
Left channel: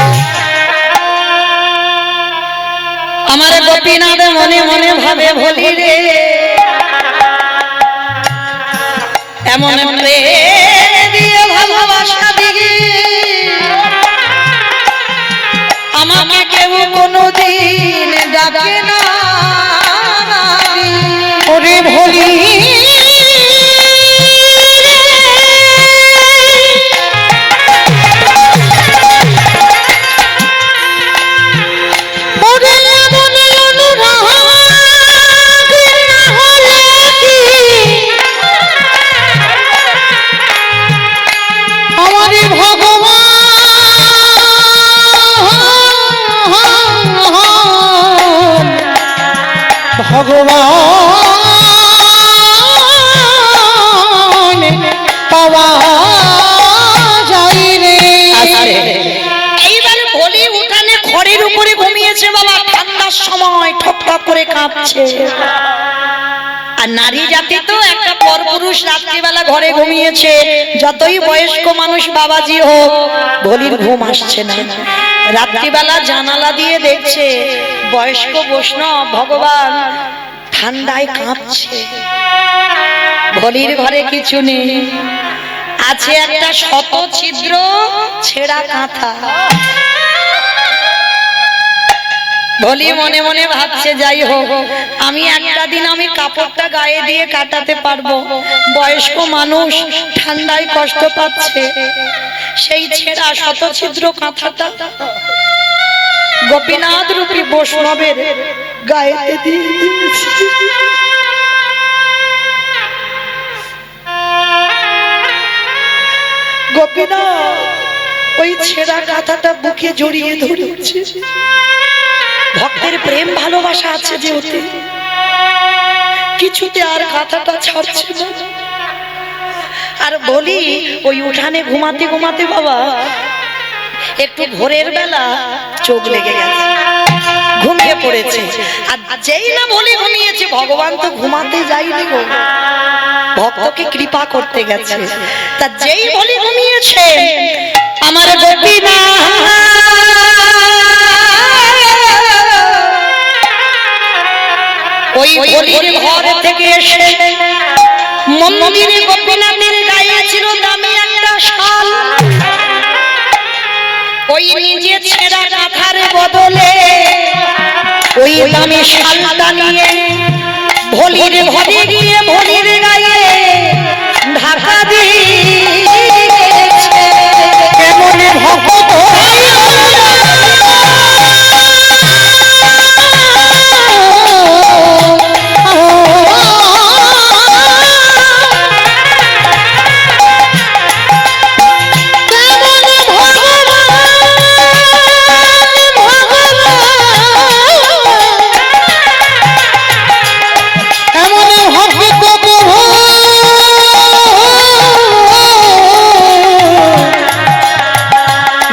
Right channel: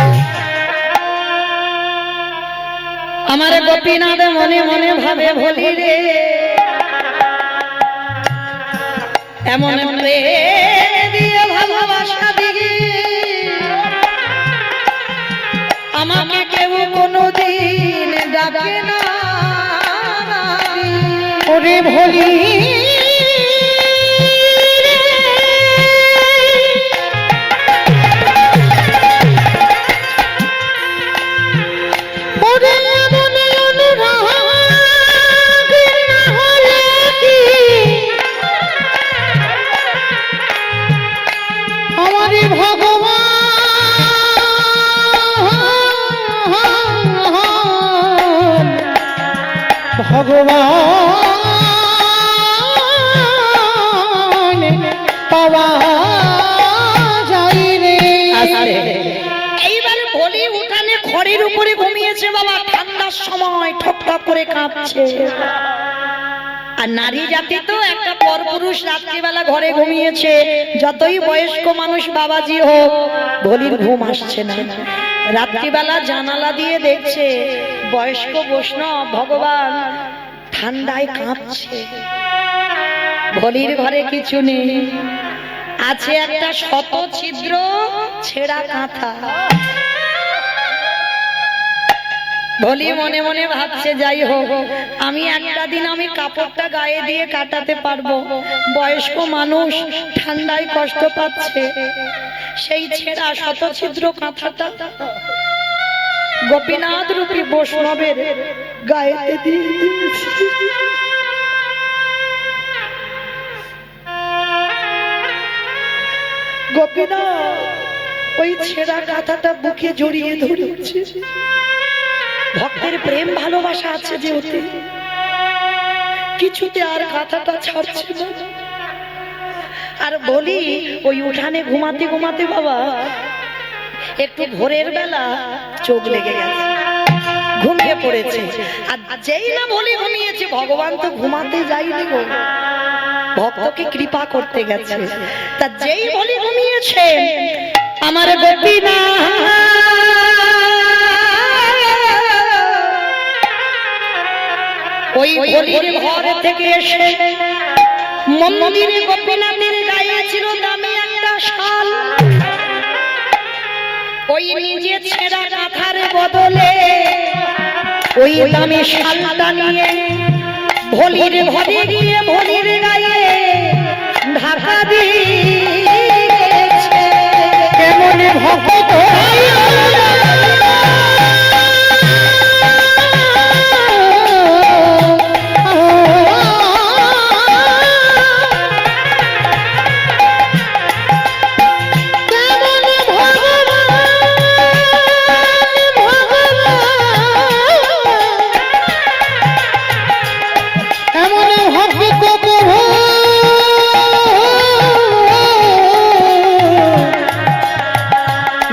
আমার গোপীনাথ মনে মনে ভাবে, বলি রে এমন দিয়ে ভালোবাসা দিবি, আমাকে কেউ কোনদিন ডাকে না। ওরে ভোলি ভগবান পাওয়া যায় রে। এইবার বলি উঠানে খড়ের উপরে ঘুমিয়েছে বাবা, ঠান্ডার সময় ঠক ঠক করে কাঁপছে। আর নারী জাতি তো একটা পরপুরুষ রাত্রিবেলা ঘরে ঘুমিয়েছে, যতই বয়স্ক মানুষ বাবাজি হোক, বলির ঘুম আসছে না। রাত্রিবেলা জানালা দিয়ে দেখছে বয়স্ক বৈষ্ণব ভগবান ঠান্ডায় কাঁপছে। বলির ঘরে কিছু নেই, আছে একটা শত ছিদ্র ছেঁড়া কাঁথা। বলি মনে মনে ভাবছে, যাই হোক, আমি একটা দিন আমি কাপড়টা গায়ে দিয়ে কাটাতে পারবো, বয়স্ক মানুষ ঠান্ডায় কষ্ট পাচ্ছে, সেই ছেঁড়া শত ছিদ্র কাঁথাটা গোপীনাথ রূপী বৈষ্ণবের গায়েতে দিয়ে দিয়েছি। গোপীনাথ ওই ছেঁড়া কাঁথাটা বুকে জড়িয়ে ধরেছে, ভক্তের প্রেম ভালোবাসা আছে যে ওতে, কিছুতে আর কাঁথাটা ছাড়ছে না। আর বলি ওই উঠানে ঘুমাতে ঘুমাতে বাবা একটু ভোরের বেলা চোখ লেগে গেছে, ঘুমিয়ে পড়েছে। আর যেই না বলি ঘুমিয়েছে, ভগবান তো ঘুমাতে যায়নি গো, ভক্তকে কৃপা করতে গেছে। তা যেই বলি ঘুমিয়েছে, আমার গোপীনাথ ওই বলির ঘর থেকে এসে মন্দিরে গোপীনাথের গায়ে ছিল দামি একটা শাল, ওই নিজে ছেঁড়া কাঁথার বদলে ওই দামি শালটা নিয়ে ভলির ঘরে গিয়ে ভলির গায়ে ঢাকা দিয়েছে। কেমন ভক্ত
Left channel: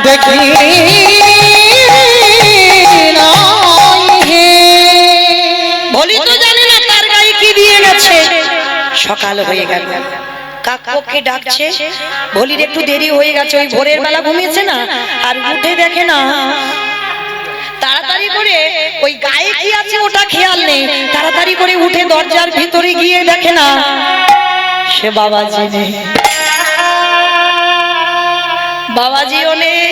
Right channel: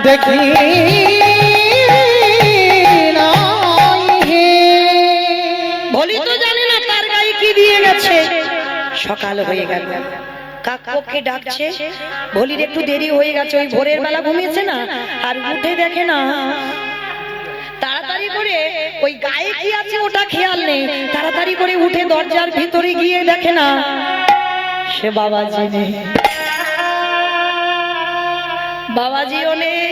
দেখি বলি তো জানে না তার গায়ে কি দিয়ে গেছে। সকাল হয়ে গেল, কাকপক্ষে ডাকছে, ভলির একটু দেরি হয়ে গেছে, ওই ভোরের বেলা ঘুমিয়েছে না, আর উঠে দেখে না, তাড়াতাড়ি করে ওই গায়ে কি আছে ওটা খেয়াল নেই, তাড়াতাড়ি করে উঠে দরজার ভিতরে গিয়ে দেখে না সে বাবাজি নেই, বাবাজিও নেই,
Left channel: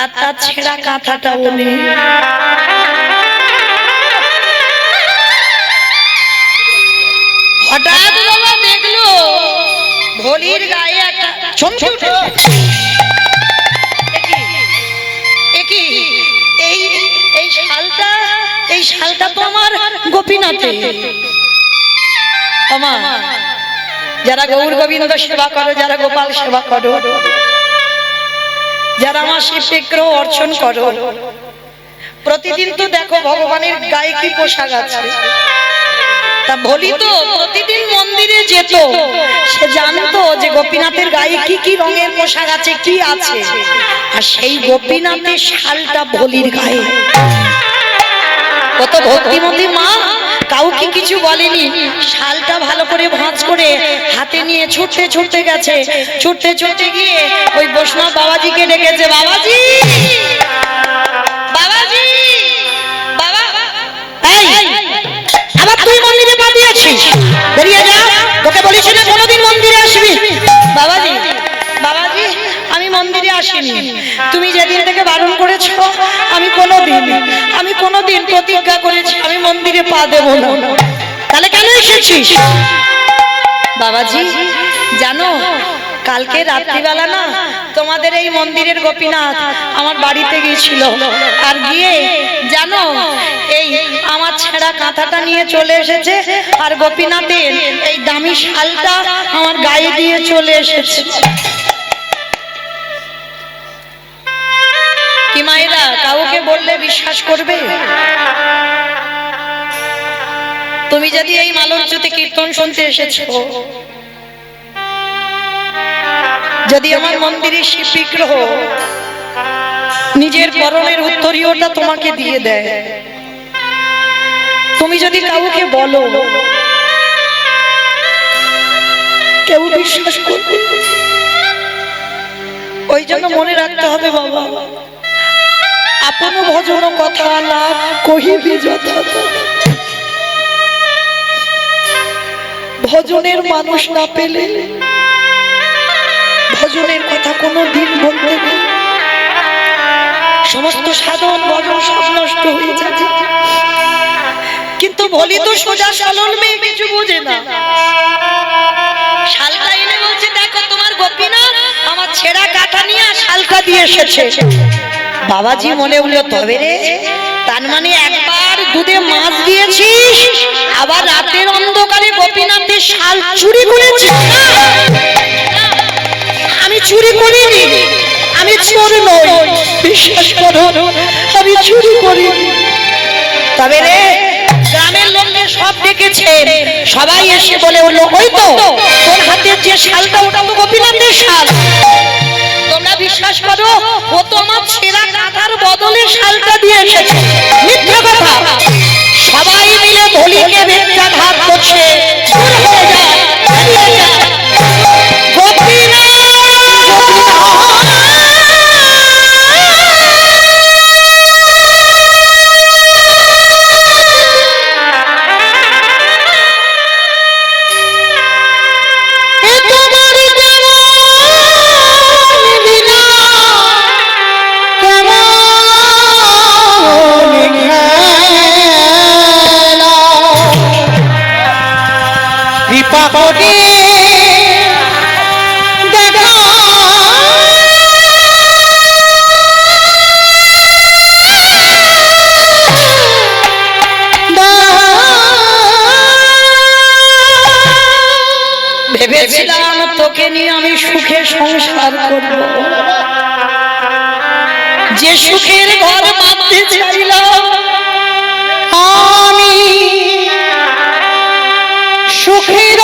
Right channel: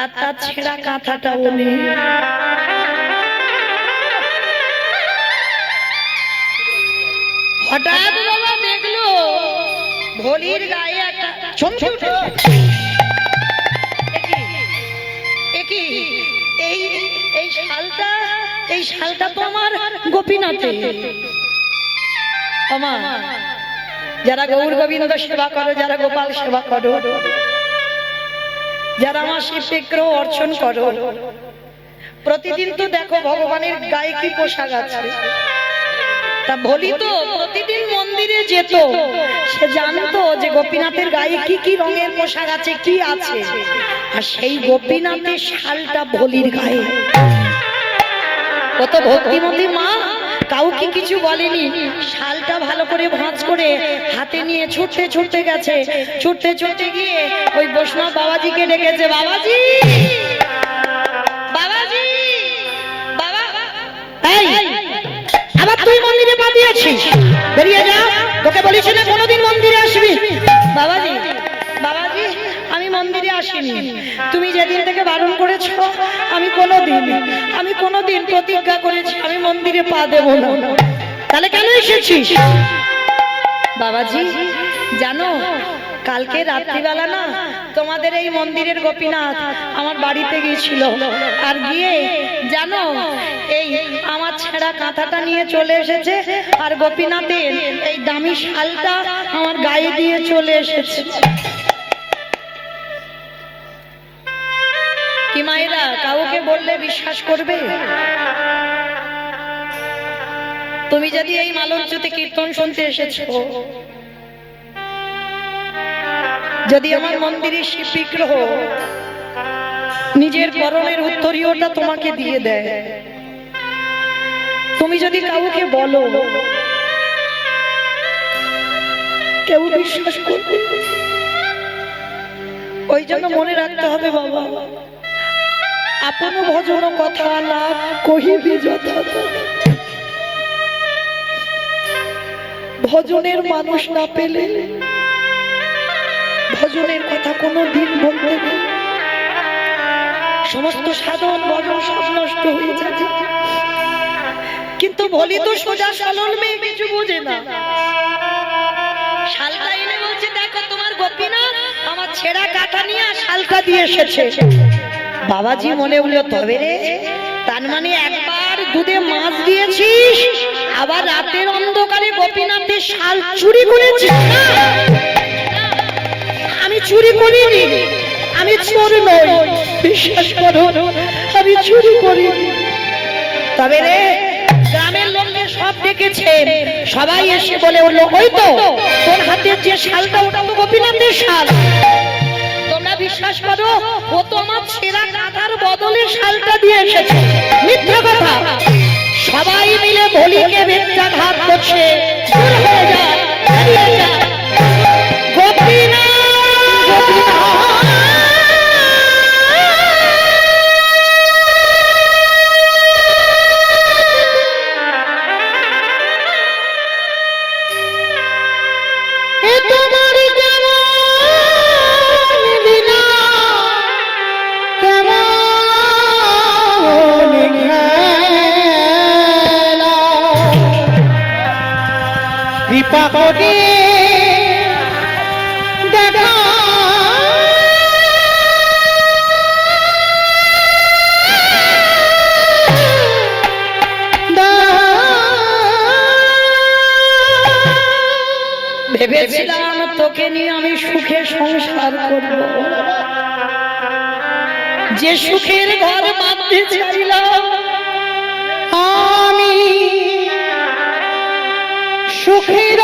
আর তার ছেঁড়া কাঁথাটাও নেই। হঠাৎ বাবা দেখলো ভলির গায়ে একটা চমকে উঠেছে। এই এই শালটা তো আমার গোপীনাথে। আমার যারা গৌর গোবিন্দ সেবা করো, যারা গোপাল সেবা করো, যারা আমার শিব বিগ্রহ অর্চন করো, প্রতিদিন তো দেখো ভগবানের গায়ে কি পোশাক আছে। তা বলি তো প্রতিদিন মন্দিরে যেত, সে জানতো যে গোপীনাথের গায়ে কি কি রঙের পোশাক আছে, কি আছে, আর সেই গোপীনাথের শালটা ভলির গায়ে। কত ভক্তিমতী মা, কাউকে কিছু বলেনি, শালটা ভালো করে ভাঁজ করে হাতে নিয়ে ছুটতে ছুটতে গেছে, ছুটতে ছুটতে গিয়ে ওই বৈষ্ণব বাবাজিকে ডেকেছে, বাবাজি, বাবাজি, বাবা, এই আবার তুই মন্দিরে পা দিয়েছিস, বেরিয়ে যা, তোকে বলেছি না কোনোদিন মন্দিরে আসবি। বাবাজি, বাবাজি, আমি মন্দিরে আসিনি, তুমি যেদিন থেকে বারণ করেছো আমি কোনোদিন প্রতিজ্ঞা করেছি আমি মন্দিরে পা দেব না। তাহলে কেন এসেছিস? বাবাজি জানো, কালকে রাত্রিবেলা না তোমাদের এই মন্দিরের গোপীনাথ আমার বাড়িতে গিয়েছিল, আর গিয়ে জানো এই আমার ছেঁড়া কাঁথাটা নিয়ে চলে এসেছে, আর গোপীনাথের এই দামি শালটা আমার গায়ে দিয়ে চলে এসেছে। কি মায়েরা, কাউকে বললে বিশ্বাস করবে? তুমি যদি এই মালঞ্চতে কীর্তন শুনতে এসেছো, যদি আমার মন্দিরের শিব বিগ্রহ নিজের পরনের উত্তরীয়টা তোমাকে দিয়ে দেয়, তুমি যদি কাউকে বলো, কেউ বিশ্বাস করবে? ওই জন্য মনে রাখতে হবে বাবা, আপন ভজন কথা না কহিবি যথা, ভজনের মানুষ না পেলে ভজনের কথা কোনো দিন বলতে নেই, সমস্ত সাধন ভজন সব নষ্ট হয়ে যাবে। কিন্তু বলি তো সোজা সালন মেয়ে কিছু বোঝে না, শালটা এনে বলছে দেখো তোমার গোপীনাথ আমার ছেঁড়া কাঁথা নিয়ে শালটা দিয়ে এসেছে। বাবাজি মনে হলো তবে রে, তার মানে একবার দুধে মাছ দিয়েছিস, আবার রাতের অন্ধকারে গোপীনাথের শাল চুরি করেছিস। আমি চুরি করিনি, আমি চোর নই, বিশ্বাস করো আমি চুরি করিনি। তবে রে গ্রামের লোকদের সব ডেকেছে, সবাই এসে বলে উঠলো ওই তো তোর হাতের যে শালটা ওটা তো গোপীনাথের শাল। তোমরা বিশ্বাস করো ও তো আমার ছেঁড়া কাঁথার বদলে শালটা দিয়ে এসেছে। মিথ্যা কথা, সবাই মিলে ভলিকে বেত্রাঘাত করছে। পাপকে দেখা ভেবেছিলাম তোকে নিয়ে আমি সুখে সংসার করব, যে সুখের ঘর বাঁধতে চাইলাম আমি সুখের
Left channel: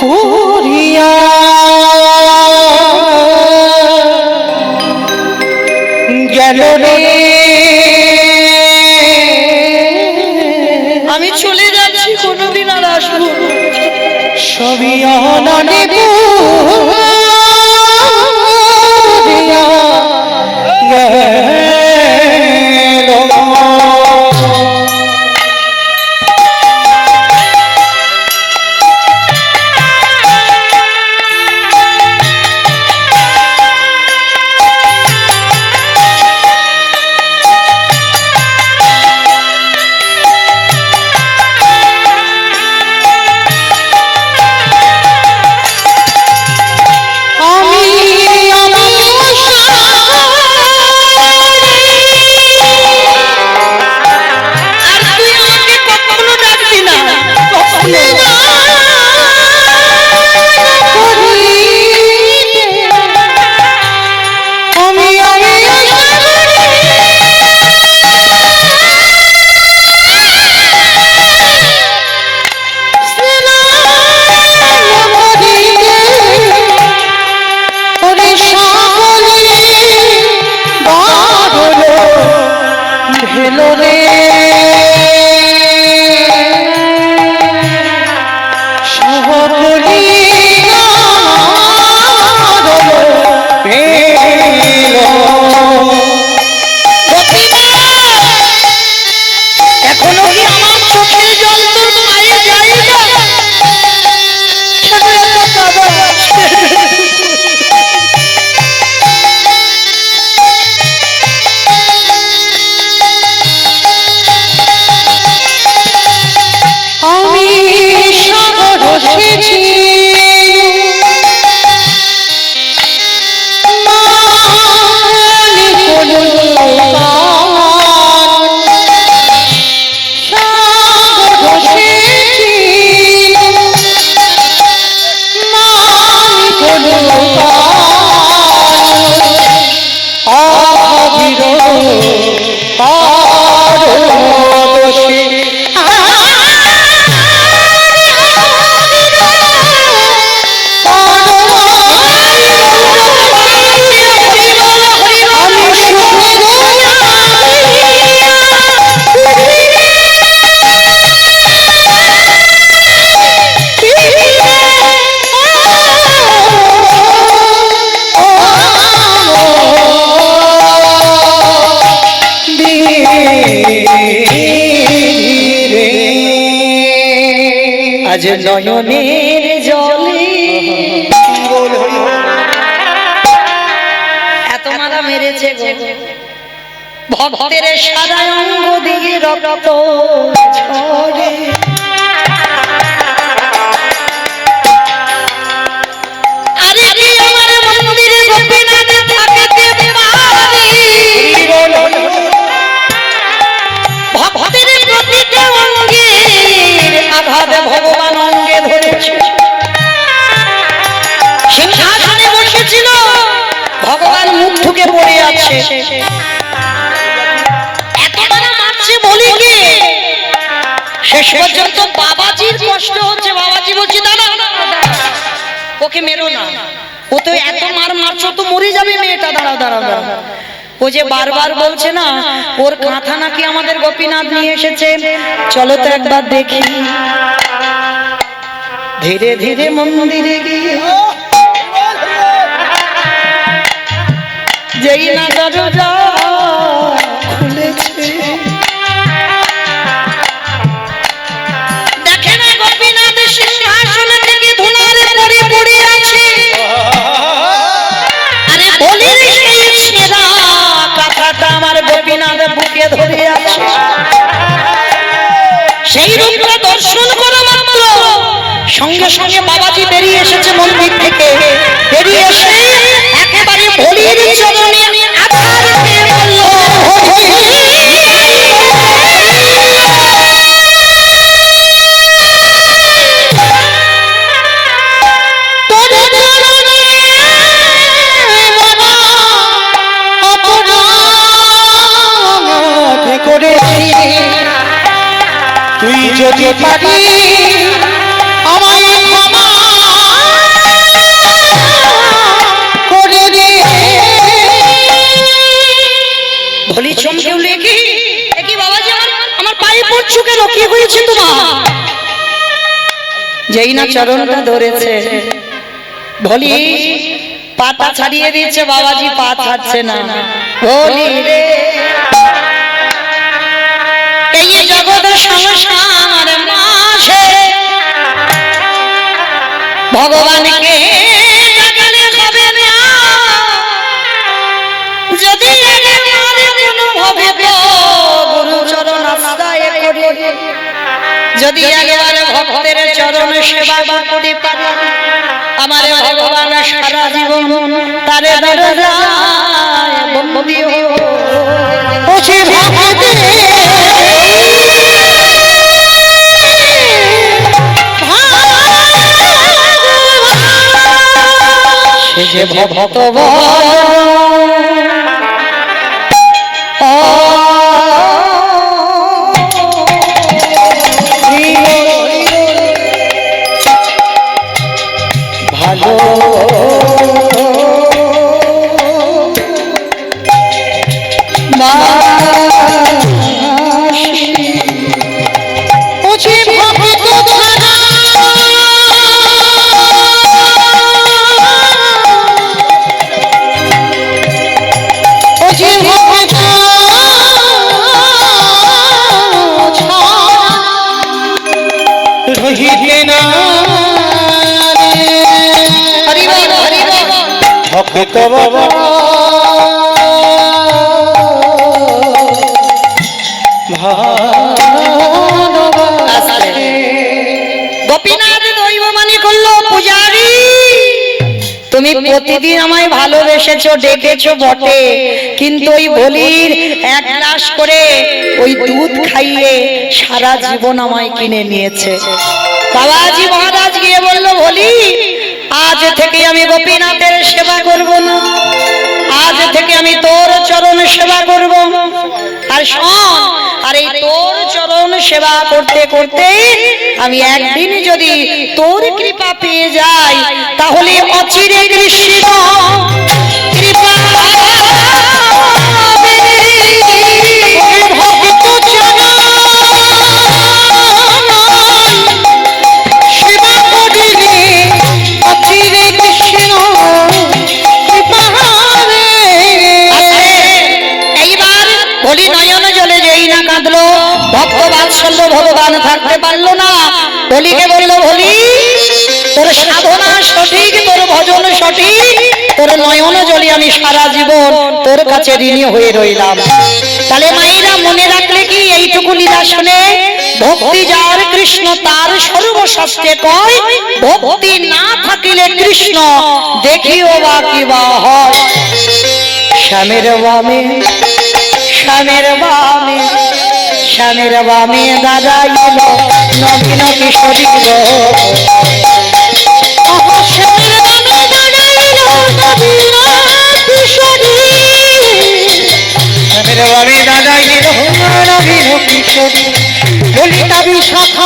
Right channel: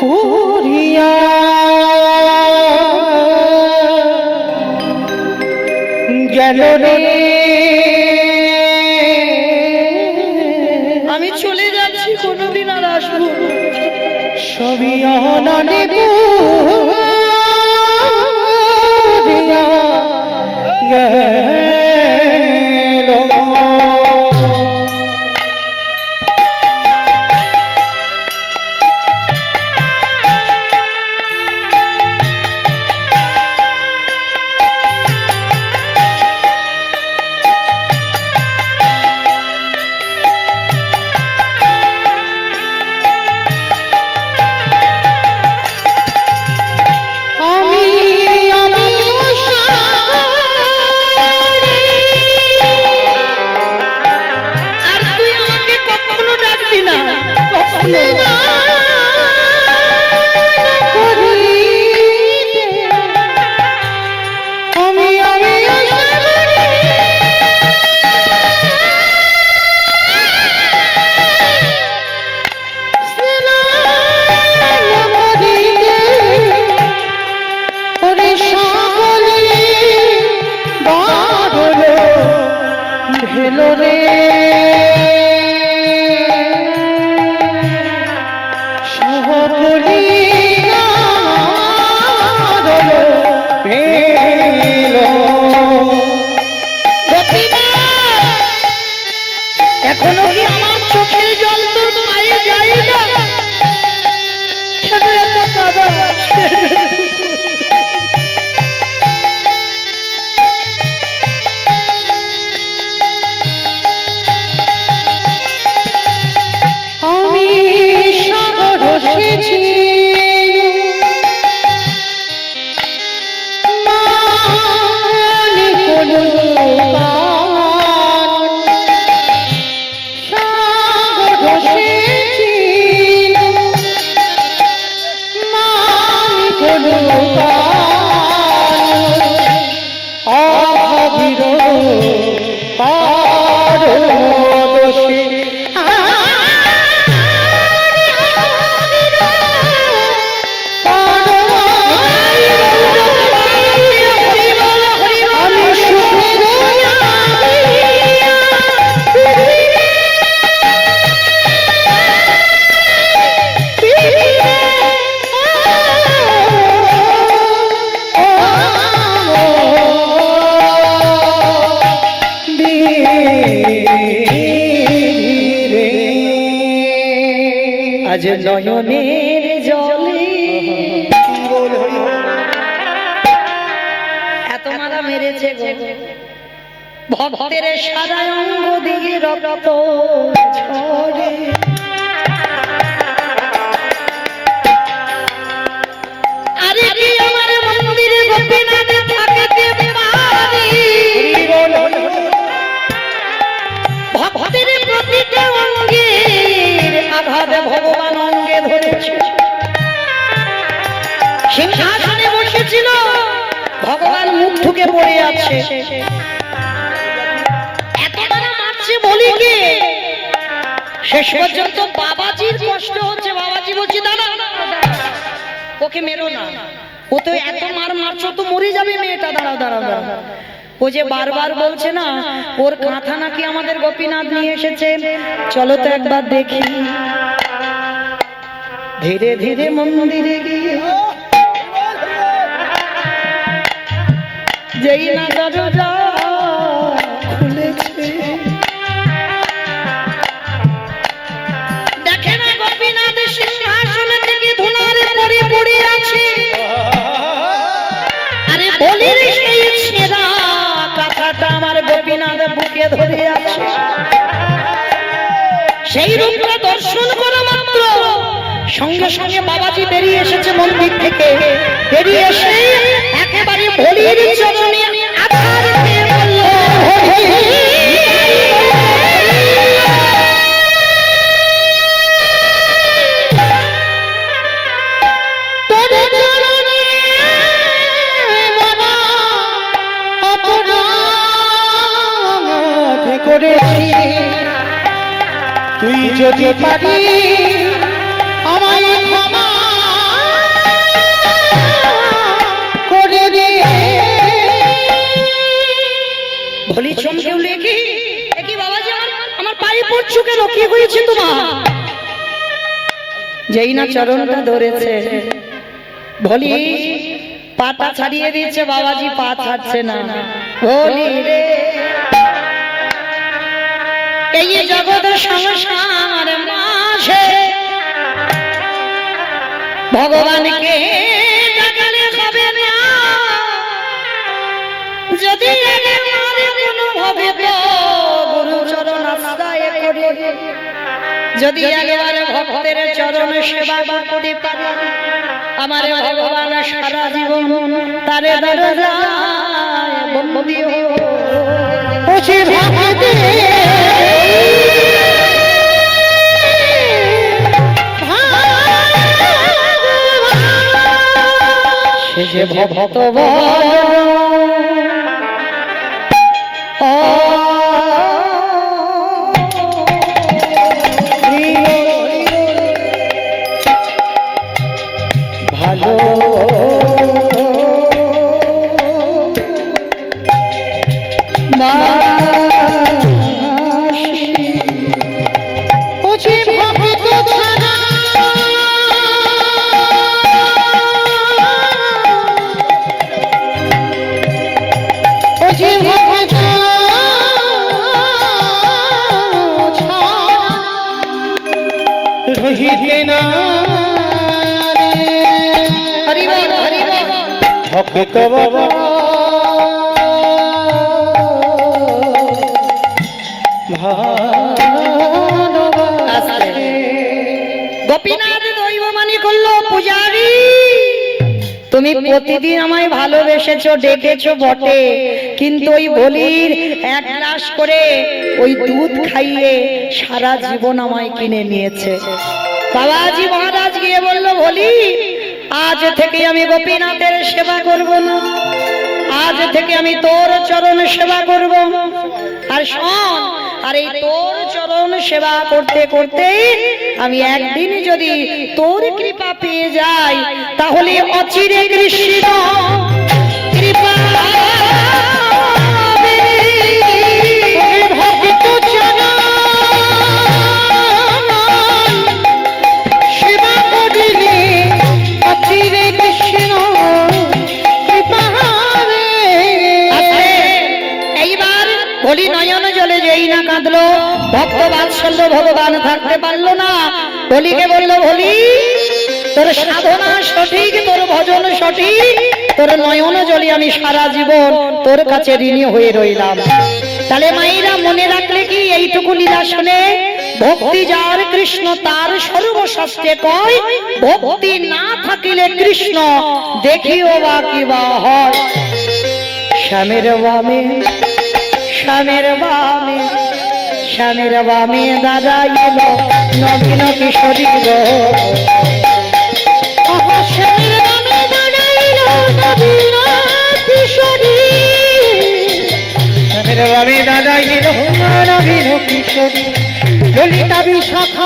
পুরিয়া গেল রে আমি চলে যাচ্ছি, কোনোদিন আর আসবো না। সবই অনানে পুরিয়া গেল। আর তুই আমাকে কখনো ডাকবি না, কখনো না। হেলো রে সহকলি এখনো কি আমার চোখের জল তোর মায়ে যায় না? কেন এত কাঁদো? আমি সাগর সেছি আজ নয়নের জলে এত মারা মেরেছে গো, ভক্তের সাদা অঙ্গ দিয়ে রক্ত ঝরে। আরে কি আমার মন্দিরে গোপীনাথ থাকিতে পারি? ভক্তের প্রতিটা অঙ্গের আঘাত ভগবান অঙ্গে ধরেছে। সিংহাসনে বসেছিল, ভগবান মুখ ঠুকে পড়ে আছে। এত মারা মারছে বলি কি, শেষ পর্যন্ত বাবাজির কষ্ট হচ্ছে। বাবাজি বলছি দাঁড়া, ওকে মেরো না, ও তো এত মার মারছো তো মরে যাবে মেয়েটা, দাঁড়াও দাঁড়াও দাঁড়াও। ও যে বারবার বলছে না ওর কাঁথা নাকি আমাদের গোপীনাথ নিয়ে এসেছে, চলো তো একবার দেখি। ধীরে ধীরে মন্দিরে গিয়ে যেই না দরজা খুলেছে, দেখে না গোপীনাথ সিংহাসনে থেকে ধুলার পড়ে পড়ে আছে। আরে বলির সেই ছেঁড়া কাঁথাটা আমার গোপীনাথ বুকে ধরে আছে। সেই রূপটা দর্শন করা মাত্র সঙ্গে সঙ্গে বাবাজি বেরিয়ে এসেছে মন্দির থেকে। বেরিয়ে এসে একেবারে বলির চরণে আছাড় দিয়ে বলল, তোর চরণে বাবা অপরাধ করেছি, তুই যদি পারি আমায় ক্ষমা কেন, কি হয়েছে তোমার? যেই না চরণটা ধরেছে, বলি পাতা ছাড়িয়ে দিয়েছে, বাবাজি পা ছাড়ছে না। বলি রে, এই জগৎ সংসার মাঝে ভগবানকে ডাকলে হবে না, যদি কোনোভাবে গুরু চরণ আশ্রয় করে, যদি একবার ভক্তের চরণ সেবা করতে পারি, আমার ভগবান সারা জীবন তারে দরজায় বন্দী ওছে ভক্তি সে যে ভক্ত ভালো ওছে ভক্ত ধারা ওছে ভক্ত রহিতে না ভক্ত বাবা গোপীনাথ দৈবমানি করলো, পূজারি তুমি প্রতিদিন আমায় ভালোবেসেছো, ডেকেছো বটে, কিন্তু ওই বলির এক গ্লাস করে ওই দুধ খাইয়ে সারা জীবন আমায় কিনে নিয়েছে। বাবাজি মহারাজ গিয়ে বলল, বলি আজ থেকে আমি গোপীনাথের সেবা করব না, আজ থেকে আমি তোর চরণ সেবা করব। আর শোন, আর এই তোর চরণ সেবা করতে করতে আমি একদিন যদি তোর কৃপা পেয়ে যাই, তাহলে অচিরে কৃষ্ণ কৃপা ভক্ত জানা সেবা করিলে অচিরে কৃষ্ণ কৃপা হবে। এইবার বলি নয়ন জলে যেই না কাঁদলো, ভক্ত বাৎসল্য ভগবান থাকতে পারলো না, বলিকে বললো, বলি তোর সাধনা সঠিক, তোর ভজন সঠিক, তোর নয়ন জলে আমি সারা জীবন তোর কাছে ঋণী হয়ে রইলাম। তাহলে মায়েরা মনে রাখলে কি এইটুকু লীলা শুনে, ভক্তি যার কৃষ্ণ তার সর্বশাস্ত্রে কয়, ভক্তি না থাকিলে কৃষ্ণ দেখিও বা কি বা হয়। শ্যামের বামে শ্যামের বামে শ্যামের বামে দাঁড়াইল নবীন কিশোরী গো, আহা শ্যামের বামে দাঁড়াইল নবীন কিশোরী, শ্যামের বামে দাঁড়াইল নবীন কিশোরী, ললিতা বিশাখা